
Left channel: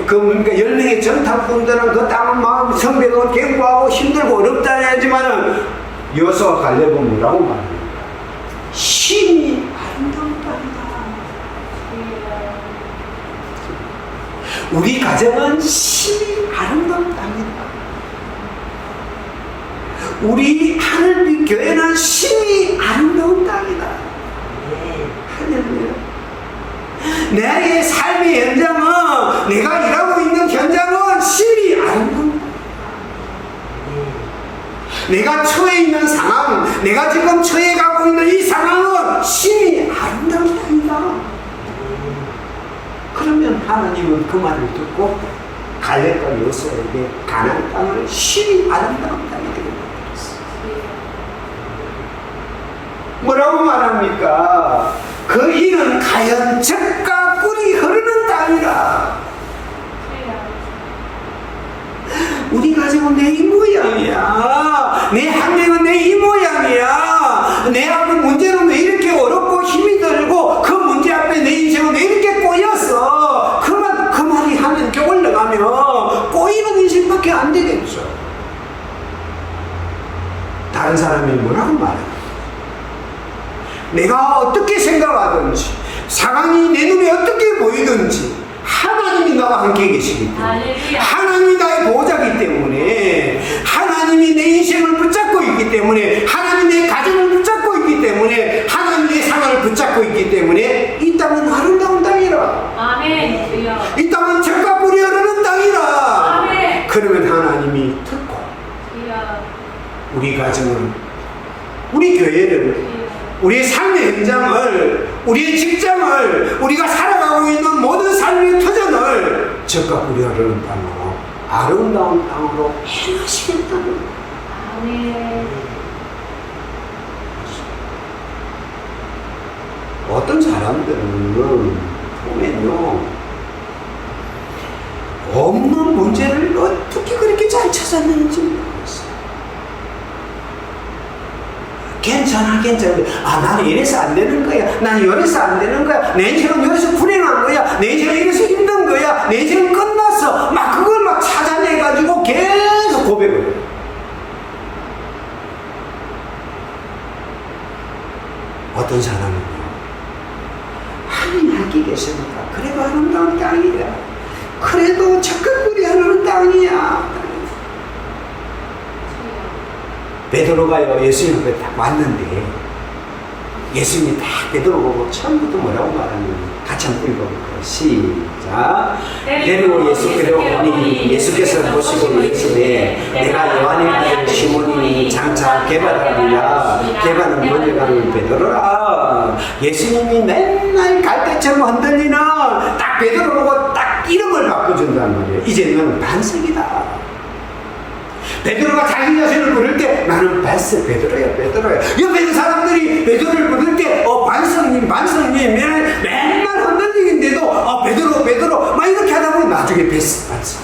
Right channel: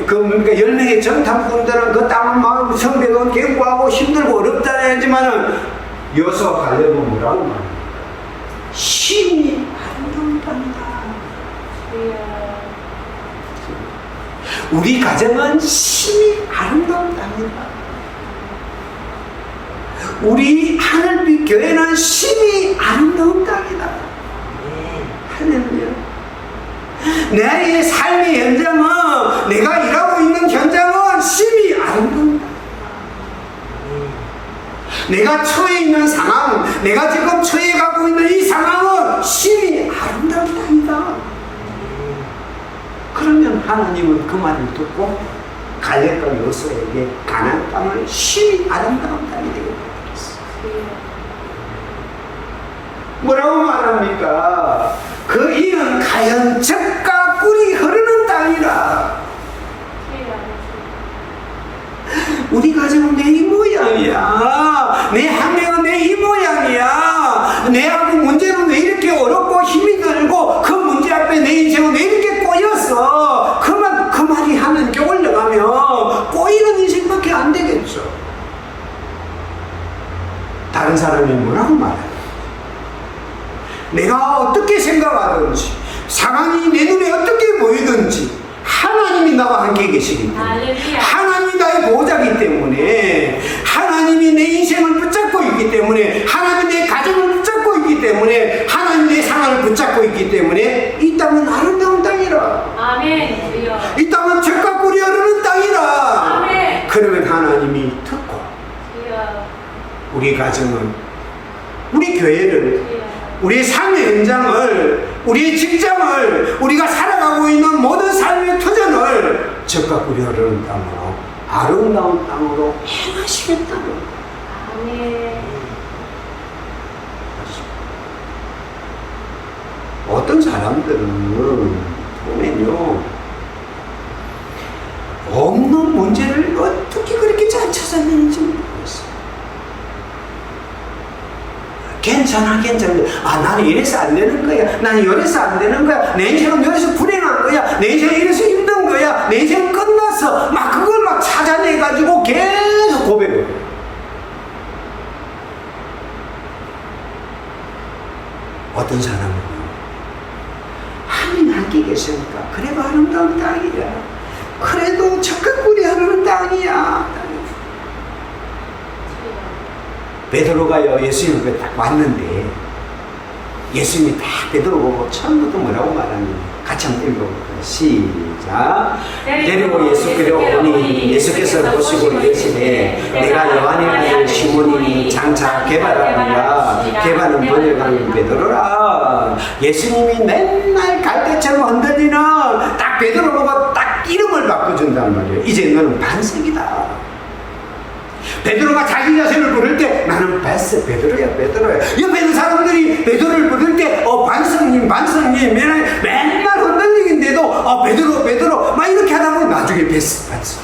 그러니까 10명의 정탐꾼들은 그 땅은 막 성벽은 견고하고 힘들고 어렵다 하지만은 여호수아와 갈렙은 뭐라고 말합니까? 심히 아름다운 땅이다. 우리 가정은 심히 아름다운 땅이다. 우리 하늘빛 교회는 심히 아름다운 땅이다. 할렐루야. 내 삶의 현장은, 내가 일하고 있는 현장은 심히 아름다운 땅. 내가 처해 있는 상황, 내가 지금 처해가고 있는 이 상황은 심히 아름다운 땅이다. 그러면 하나님은 그 말을 듣고 갈렙과 여호수아에게 가나안 땅을 심히 아름다운 땅이 되고 만들었어요. 뭐라고 말합니까? 그 이는 가연 젖과 꿀이 흐르는 땅이라. 우리 가정은 내 이 모양이야. 내 학명은 내 이 모양이야. 내하고 문제는 왜 이렇게 어렵고 힘이 들고, 그 문제 앞에 내 인생은 왜 이렇게 꼬였어. 그 말이 하나님께 올라가면 꼬이는 인생밖에 안 되겠죠. 다른 사람이 뭐라고 말하냐, 내가 어떻게 생각하든지, 상황이 내 눈에 어떻게 보이든지 하나님이 나와 함께 계시기 때문에, 하나님이 나의 보호자이기 때문에, 하나님이 내 인생을 붙잡고 있기 때문에, 하나님이 내 가정을 붙잡고 있기 때문에, 하나님이 내 상황을 붙잡고 있기 때문에 이 땅은 아름다운 땅이라. 아멘. 이 땅은 젖과 꿀이 흐르는 땅이라. 아멘. 그러면 하나님이 듣고 우리 가정을, 우리 교회를, 우리의 삶의 현장을, 우리의 직장을, 우리가 살아가고 있는 모든 삶의 터전을 젖과 꿀이 흐르는 땅으로, 아름다운 땅으로 행하시겠다는 거예요. 아멘. 어떤 사람들은 보면요, 없는 문제를 어떻게 그렇게 잘 찾아내는지 모르겠어요. 괜찮아. 나는 이래서 안 되는 거야. 나는 이래서 안 되는 거야. 내 인생은 이래서 불행한 거야. 내 인생은 이래서 힘든 거야. 내 인생은 끝났어. 막 그걸 막 찾아내가지고 계속 고백을 해요. 어떤 사람은요, 하나님 함께 계시니까 그래도 아름다운 땅이야. 그래도 젖과 꿀이 흐르는 땅이야. 베드로가요, 예수님 앞에 딱 왔는데, 예수님이 딱 베드로 보고 처음부터 뭐라고 말하는지 같이 한번 읽어볼까요? 시작. 데리고 예수께로 오니 예수께서 보시고 이르시되, 내가 요한의 아들 시몬이니 장차 게바라니라. 게바는 번역하는 베드로라. 예수님이 맨날 갈대처럼 흔들리는 딱 베드로 보고 딱 이름을 바꿔준단 말이에요. 이제 너는 반석이다. 베드로가 자기 자신을 부를 때 나는 베드로야. 옆에 있는 사람들이 베드로를 부를 때 반성님 맨날 흔들리는데도 베드로 막 이렇게 하다 보니 나중에 반성.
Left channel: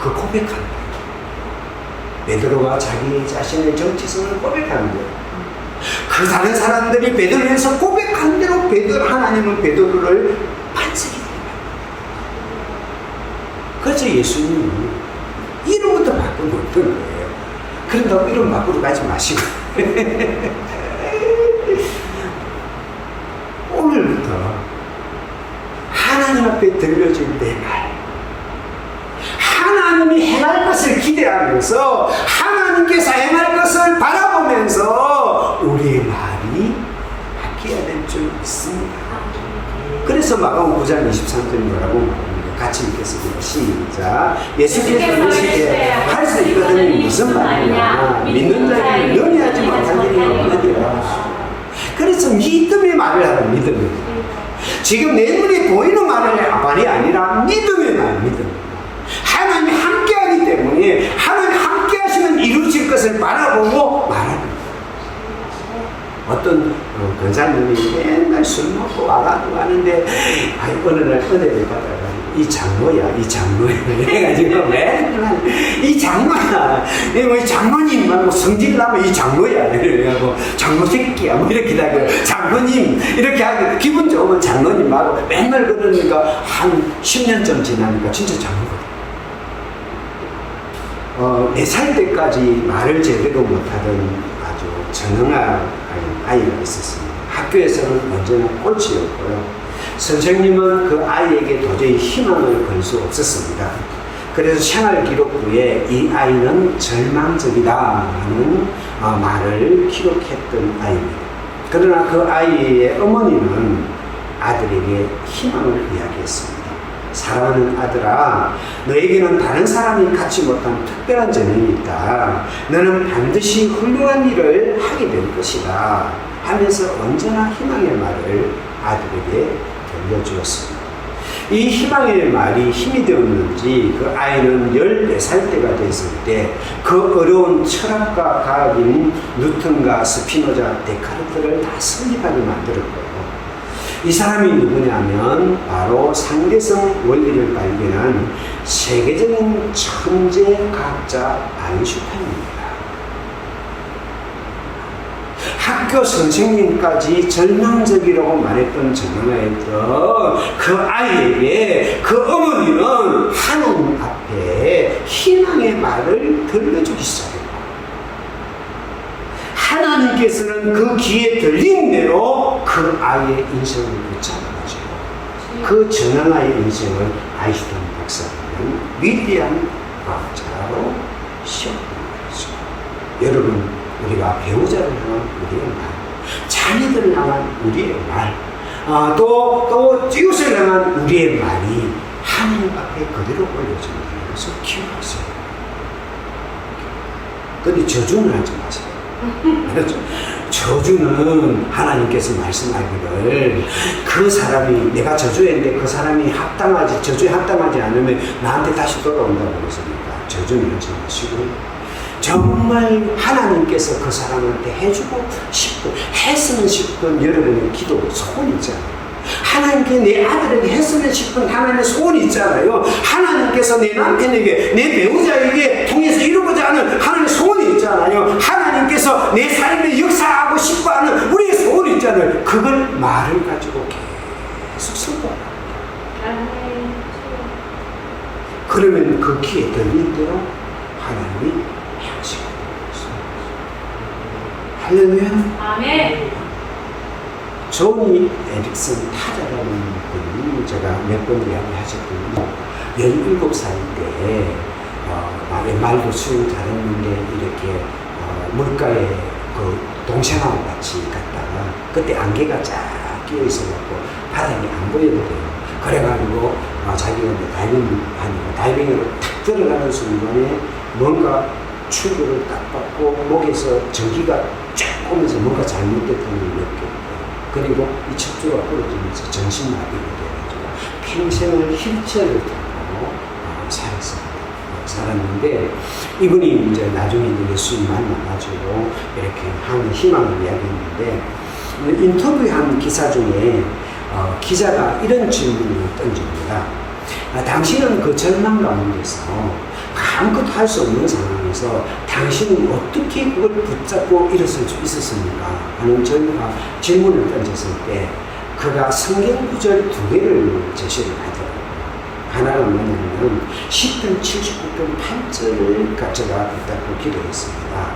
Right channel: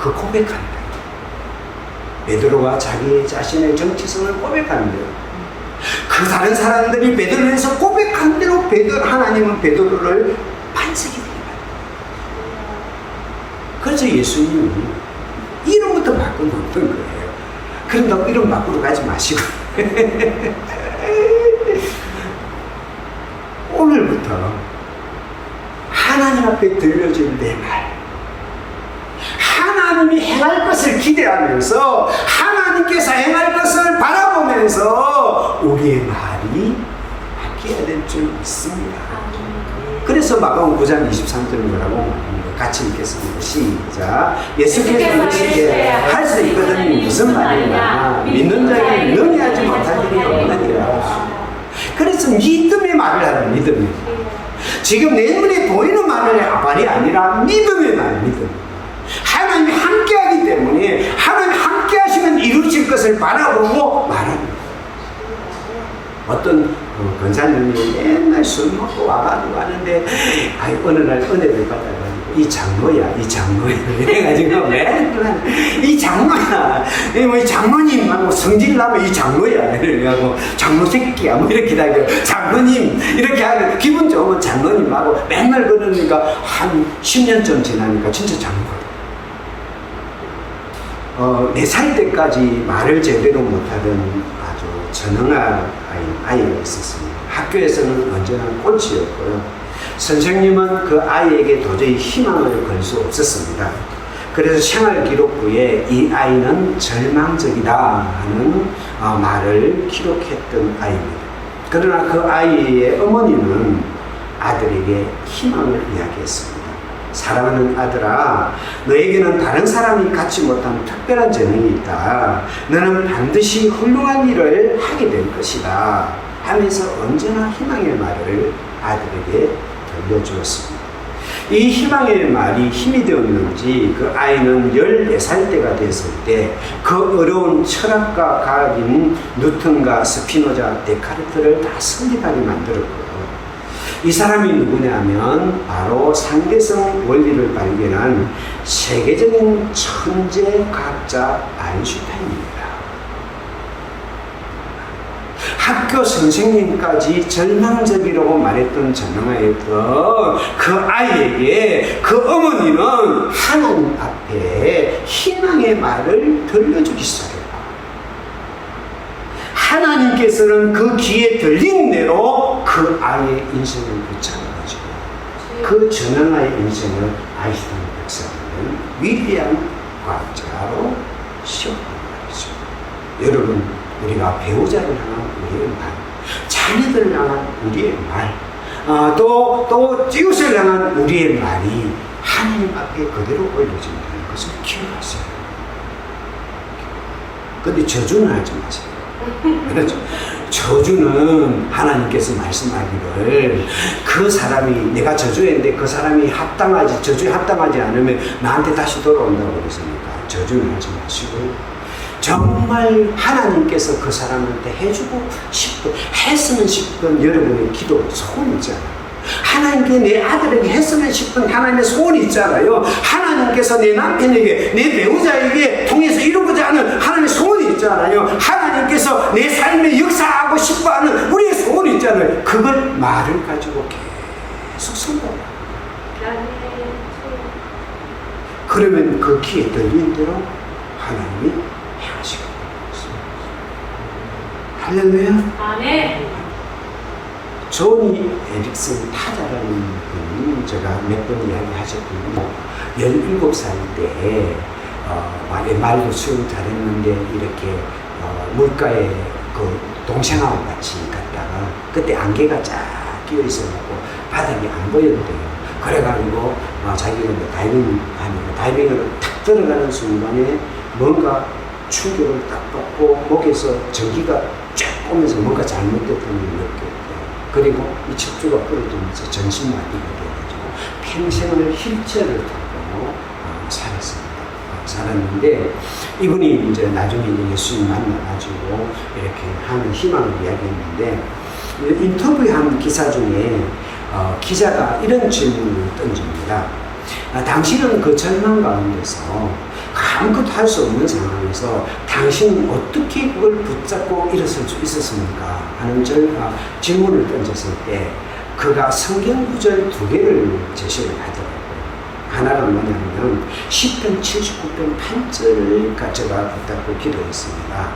그 고백한다. 베드로가 자기 자신의 정체성을 고백한대요. 그 다른 사람들이 베드로에서 고백한 대로 하나님은 베드로를 반석이 되게 만들어요. 그래서 예수님은 이름부터 바꾼 어떤 거예요. 그런다고 이름 바꾸러 가지 마시고 오늘부터 하나님 앞에 들려질 내 말, 하나님이 행할 것을 기대하면서, 하나님께서 행할 것을 바라보면서 우리의 말이 바뀌어야 될 줄 믿습니다. 그래서 마가복음 9장 23절은 뭐라고 말합니까? 같이 읽겠습니다. 시작. 예수께서 이르시되 할 수 있거든이 무슨 말이냐, 믿는 자에게 능히 하지 못할 일이 없느니라. 그래서 믿음의 말을 하라. 믿음의 말. 지금 내 눈에 보이는 말이 아니라 믿음의 말. 하나님이 함께하기 때문에 하나님 함께하시면 이루어질 것을 바라보고 말합니다. 어떤 권사님이 맨날 술 먹고 와가지고 하는데, 어느 날 은혜를 받아가지고 이 장로야 이래가지고 맨날 이 장로야, 이 장로님 뭐 성질 나면 이 장로야 이래가지고 장로 새끼야 뭐 이렇게 다니고, 장로님 이렇게 하고 기분 좋으면 장로님하고 맨날 그러니까 한 10년쯤 지나니까 진짜 장로가 돼. 4살 때까지 말을 제대로 못하던 아주 전형한 아이가 있었습니다. 학교에서는 언제나 꼴찌였고요. 선생님은 그 아이에게 도저히 희망을 걸 수 없었습니다. 그래서 생활기록부에 이 아이는 절망적이다 하는 말을 기록했던 아이입니다. 그러나 그 아이의 어머니는 아들에게 희망을 이야기했습니다. 사랑하는 아들아, 너에게는 다른 사람이 갖지 못한 특별한 재능이 있다. 너는 반드시 훌륭한 일을 하게 될 것이다 하면서 언제나 희망의 말을 아들에게 들려주었습니다. 이 희망의 말이 힘이 되었는지 그 아이는 14살 때가 됐을 때 그 어려운 철학과 과학인 뉴턴과 스피노자, 데카르트를 다 설립하게 만들었고요. 이 사람이 누구냐면 바로 상대성 원리를 발견한 세계적인 천재 과학자 아인슈타인입니다. 학교 선생님까지 절망적이라고 말했던 전능아였던 그 아이에게 그 어머니는 하나님 앞에 희망의 말을 들려주기 시작했고, 하나님께서는 그 귀에 들린 대로 그 아이의 인생을 붙잡아가지고 그 전능아의 인생을 아인슈타인 박사는 위대한 과학자로 시험한 거죠. 여러분, 우리가 배우자를 향한 우리의 말, 자녀들을 향한 우리의 말, 또 이웃을 향한 우리의 말이 하나님 앞에 그대로 올려진다는 것을 기억하세요. 근데 저주는 하지 마세요. 그렇죠? 저주는 하나님께서 말씀하기를 그 사람이, 내가 저주했는데 그 사람이 저주에 합당하지 않으면 나한테 다시 돌아온다고 그랬습니까? 저주는 하지 마시고, 정말 하나님께서 그 사람한테 해주고 싶은, 했으면 싶은 여러분의 기도, 소원이 있잖아요. 하나님께 내 아들에게 했으면 싶은 하나님의 소원이 있잖아요. 하나님께서 내 남편에게, 내 배우자에게 통해서 이루고자 하는 하나님의 소원이 있잖아요. 하나님께서 내 삶에 역사하고 싶어하는 우리의 소원이 있잖아요. 그걸 말을 가지고 계속 선포합니다. 그러면 그 귀에 들린 대로 하나님이 행하시게 됩니다. 할렐루야. 아멘. 조니 에릭슨 타자라는 분이 제가 몇 번 이야기하셨거든요. 17살 때 말도 수영 잘했는데 이렇게 물가에 그 동생하고 같이 갔다가 그때 안개가 쫙 끼어 있어갖고 바닥이 안 보였대요. 그래가지고 자기가 다이빙 하니까 다이빙으로 탁 들어가는 순간에 뭔가 충격을 딱 받고 목에서 전기가 쫙 오면서 뭔가 잘못됐다는 걸 느꼈대요. 그리고 이 척추가 부러지면서 전신마비가 돼가지고 평생을 휠체어를 타고 살았는데, 이분이 이제 나중에 예수님 만나가지고 이렇게 하는 희망을 이야기했는데, 인터뷰한 기사 중에 기자가 이런 질문을 던집니다. 당신은 그 절망 가운데서 아무것도 할 수 없는 상황에서 당신은 어떻게 그걸 붙잡고 일어설 수 있었습니까? 하는 질문을 던졌을 때 그가 성경 구절 2개를 제시를 하더라고요. 하나는 뭐냐면 시편 79편 8절을 제가 붙잡고 기도했습니다.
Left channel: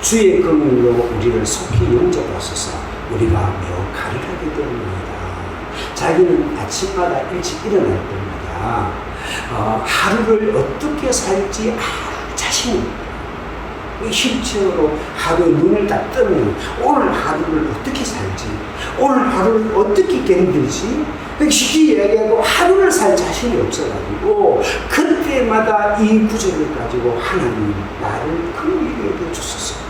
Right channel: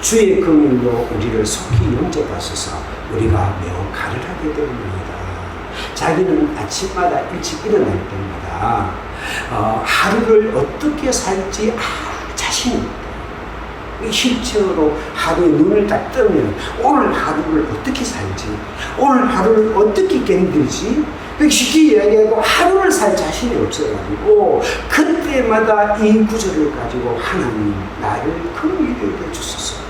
주의 긍휼로 우리를 속히 영접하소서. 우리가 매우 가련하게 되옵나이다. 자기는 아침마다 일찍 일어날 때마다 하루를 어떻게 살지 자신이 휠체어로 하루에 눈을 딱 뜨면 오늘 하루를 어떻게 살지, 오늘 하루를 어떻게 견딜지, 쉽게 이야기하고 하루를 살 자신이 없어가지고 그때마다 이 구절을 가지고 하나님 나를 긍휼히 여겨주소서.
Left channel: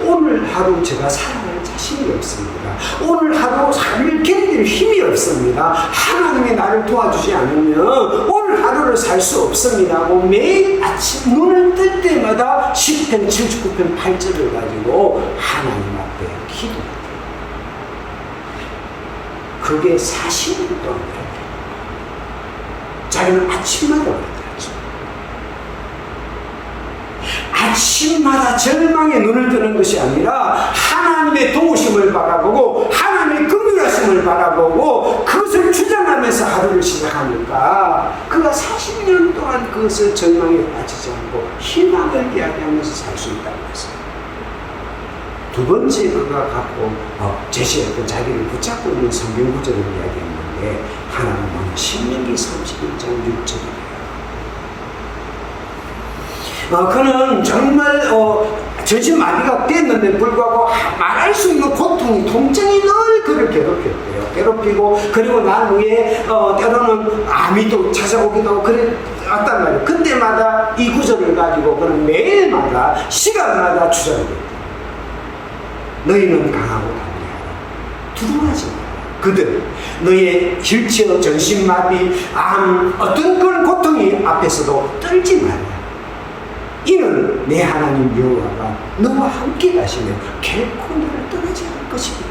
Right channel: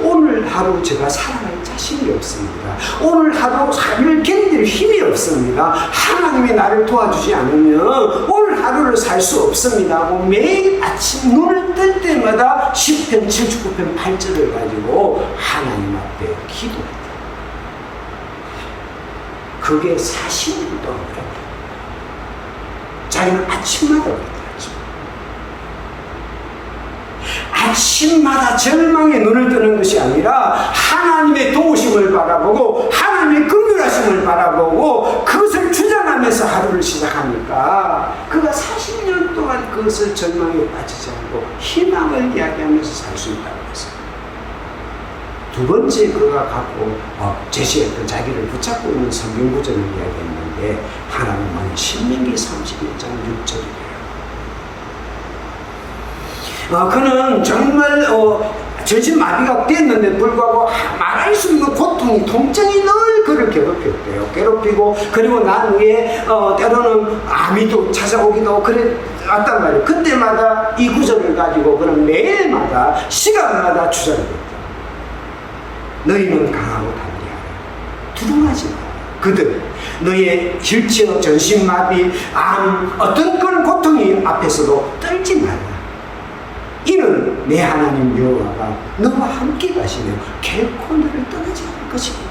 오늘 하루 제가 살아갈 자신이 없습니다. 오늘 하루를 견딜 힘이 없습니다. 하나님이 나를 도와주지 않으면 오늘 하루를 살 수 없습니다 하고 매일 아침 눈을 뜰 때마다 시편 79편 8절을 가지고 하나님 앞에 기도했다. 그게 40년 동안 그랬다. 자기는 아침마다 그랬다. 아침마다 절망의 눈을 뜨는 것이 아니라 하나님의 도우심을 바라보고 하나님의 긍휼하심을 바라보고 그것을 주장하면서 하루를 시작하니까 그가 40년 동안 그것을 절망에 빠지지 않고 희망을 이야기하면서 살 수 있다고 했어요. 두 번째 그가 갖고 제시했던 자기를 붙잡고 있는 성경 구절을 이야기했는데, 하나는 뭐냐, 신명기 31장 6절이에요. 그는 정말 전신마비가 됐는데 불구하고 말할 수 없는 고통, 통증이 늘 그를 괴롭혔대요. 괴롭히고 그리고 난 후에 때로는 암이 또 찾아오기도 하고 그랬단 말이에요. 그때마다 이 구절을 가지고 그는 매일마다 시간마다 주장됐다. 너희는 강하고 담대하라. 두려워하지 마라. 그들 너의 휠체어, 전신마비, 암 어떤 그런 고통이 앞에서도 떨지 말라. 이는 내 하나님 여호와가 너와 함께 가시며 결코 너를 떠나지 않을 것입니다.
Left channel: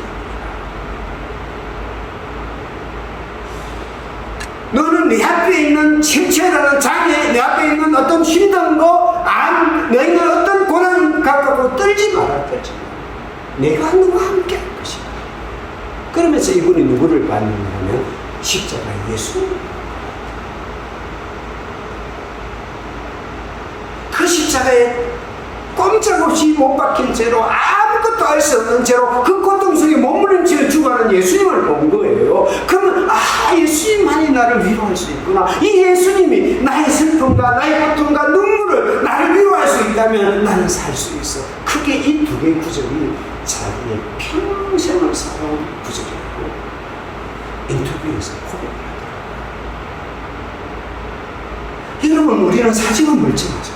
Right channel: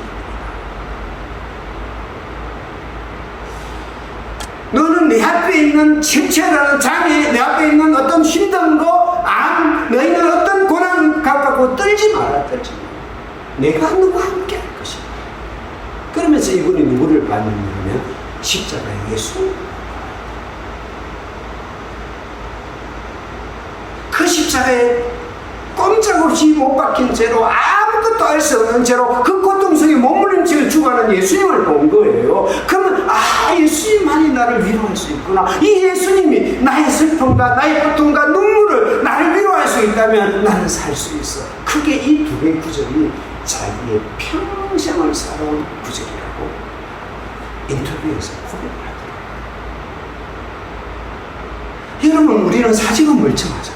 너는 내 앞에 있는 휠체어라는 장애, 내 앞에 있는 어떤 힘든 거, 암, 너희는 어떤 고난 갖고 떨지 마라. 떨지 마라. 내가 너와 함께 할 것이다. 그러면서 이분이 누구를 받느냐면 십자가의 예수님. 그 십자가에 꼼짝없이 못 박힌 채로 아무것도 할 수 없는 채로 그 고통 속에 머무른 채로 죽어가는 예수님을 본 거예요. 그러면 예수님만이 나를 위로할 수 있구나. 이 예수님이 나의 슬픔과 나의 고통과 눈물을 나를 위로할 수 있다면 나는 살 수 있어. 크게 이 두 개의 구절이 자기의 평생을 살아온 구절이라고 인터뷰에서 고백하더라고요. 여러분, 우리는 사직은 멀쩡하죠.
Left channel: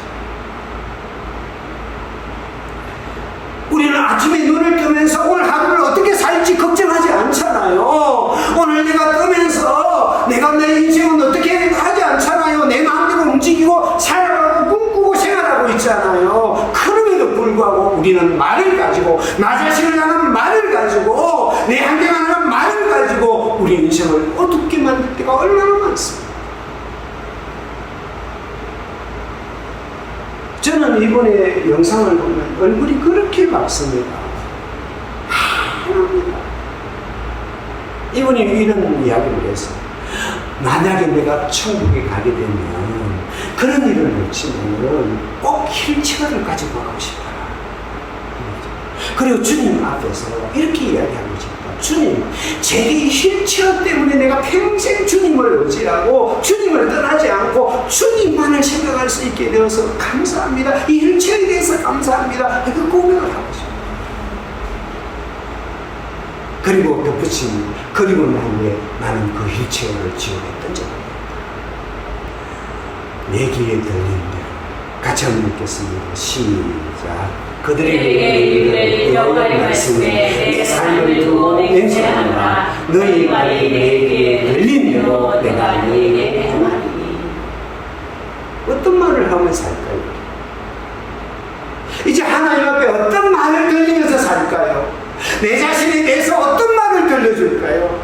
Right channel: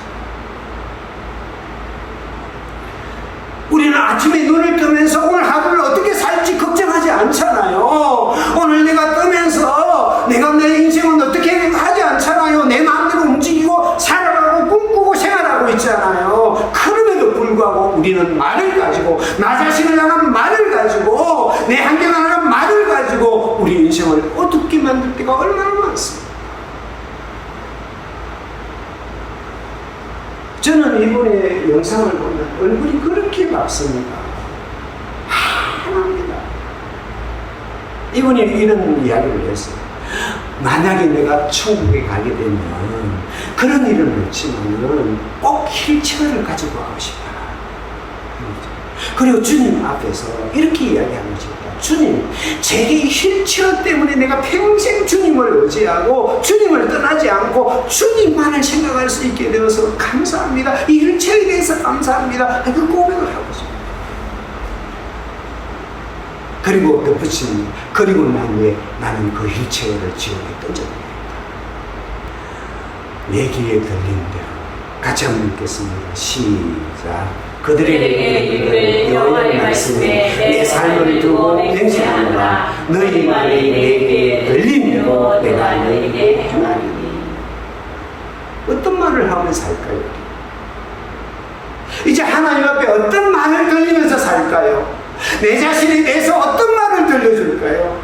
우리는 아침에 눈을 뜨면서 오늘 하루를 어떻게 살지 걱정하지 않잖아요. 오늘 내가 뜨면서 내가 내 인생은 어떻게 하지 않잖아요. 내 마음대로 움직이고 살아가고 꿈꾸고 생활하고 있잖아요. 그럼에도 불구하고 우리는 말을 가지고, 나 자신을 향한 말을 가지고, 내 환경을 향한 말을 가지고 우리 인생을 어둡게 만들 때가 얼마나 많습니다. 저는 이번에 영상을 보면 얼굴이 그렇게 밝습니다. 환합니다. 이분이 이런 이야기를 했어요. 만약에 내가 천국에 가게 되면 그런 일은 없지만은 꼭 휠체어를 가지고 가고 싶어라. 그리고 주님 앞에서 이렇게 이야기하는 것입니다. 주님, 제게 이 휠체어 때문에 내가 평생 주님을 의지하고 주님을 떠나지 않고 주님만을 생각할 수 있게 되어서 감사합니다. 이 휠체어에 대해서 감사합니다. 그 고백을 하고 싶어요. 그리고 덧붙입니다. 그리고 난 후에 나는 그 휠체어를 지옥에 던져버립니다. 내 귀에 들리는 대로 같이 한번 읽겠습니다. 시작. 그들에게 이르기를 여호와의 말씀에 내 삶을 두고 맹세하노라. 너희 말이 내 귀에 들린 대로 내가 너희에게 행하리니. 어떤 말을 하면 살까요? 이제 하나님 앞에 어떤 말을 들리면서 살까요? 내 자신에 대해서 어떤 말을 들려줄까요?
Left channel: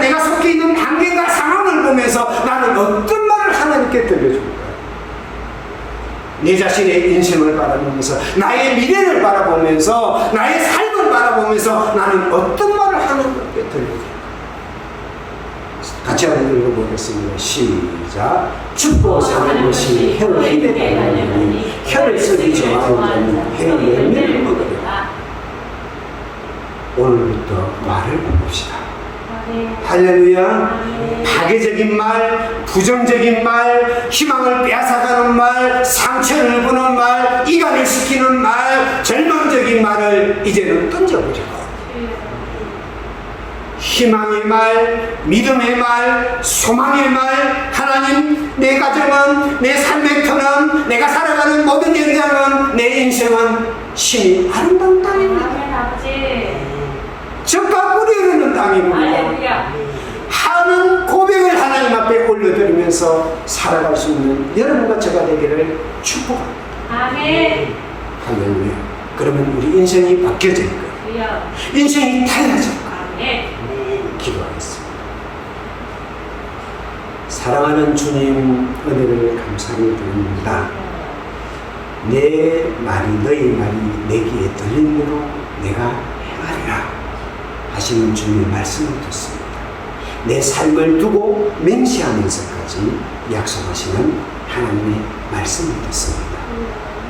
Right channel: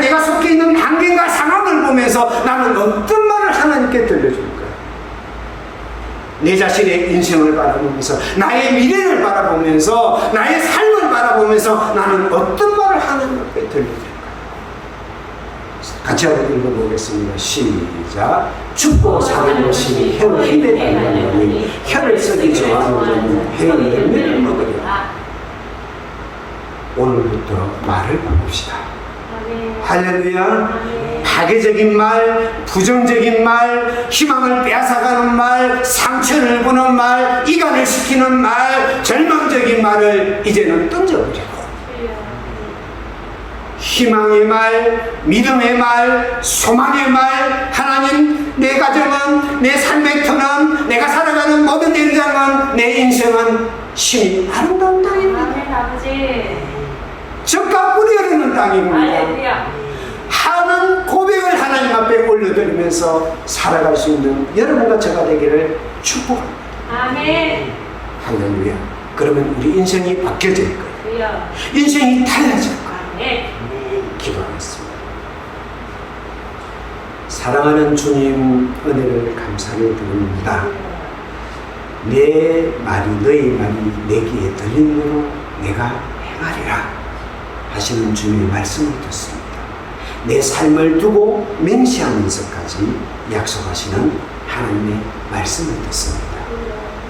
내가 속해 있는 환경과 상황을 보면서 나는 어떤 말을 하나님께 들려줄까요? 내 자신의 인생을 바라보면서, 나의 미래를 바라보면서, 나의 삶을 바라보면서 나는 어떤 말을 하나님 앞에 들려줄까요? 같이 한번 읽어보겠습니다. 시작. 죽고 사는 것이 혀의 힘에 달려있니 혀를 쓰기 좋아하는 혀의 열매를 먹으려. 오늘부터 말을 바꿉시다. 할렐루야. 파괴적인 말, 부정적인 말, 희망을 빼앗아가는 말, 상처를 주는 말, 이간을 시키는 말, 절망적인 말을 이제는 던져버리고 희망의 말, 믿음의 말, 소망의 말, 하나님, 내 가정은, 내 삶의 터는, 내가 살아가는 모든 현장은, 내 인생은 심히 아름다운 땅입니다. 적과 꿀이 흐르는 땅입니다. 하는 고백을 하나님 앞에 올려드리면서 살아갈 수 있는 여러분과 저가 되기를 축복합니다. 아멘. 할렐루야. 그러면 우리 인생이 바뀌어질 거예요. 인생이 달라질 거예요. 네, 기도하겠습니다. 사랑하는 주님, 은혜를 감사히 드립니다. 내 말이, 너희 말이 내 귀에 들린 대로 내가 행하리라 하시는 주님의 말씀을 듣습니다. 내 삶을 두고 맹세하면서까지 약속하시는 하나님의 말씀을 듣습니다.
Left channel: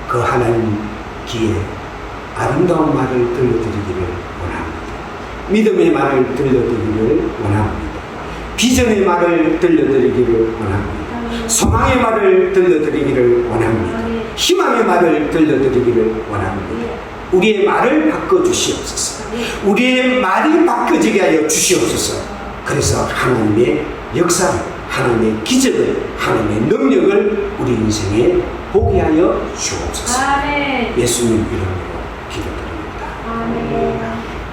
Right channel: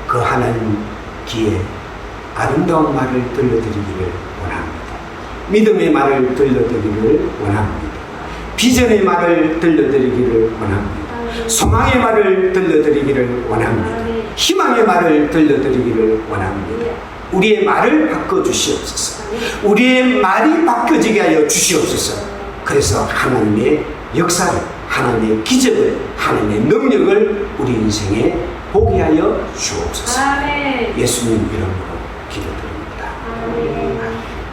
그 하나님 귀에 아름다운 말을 들려드리기를 원합니다. 믿음의 말을 들려드리기를 원합니다. 비전의 말을 들려드리기를 원합니다. 소망의 말을 들려드리기를 원합니다. 희망의 말을 들려드리기를 원합니다. 우리의 말을 바꿔주시옵소서. 우리의 말이 바뀌어지게 하여 주시옵소서. 그래서 하나님의 역사를, 하나님의 기적을, 하나님의 능력을 우리 인생에 보게 하여 주옵소서. 아멘. 예수님 이름으로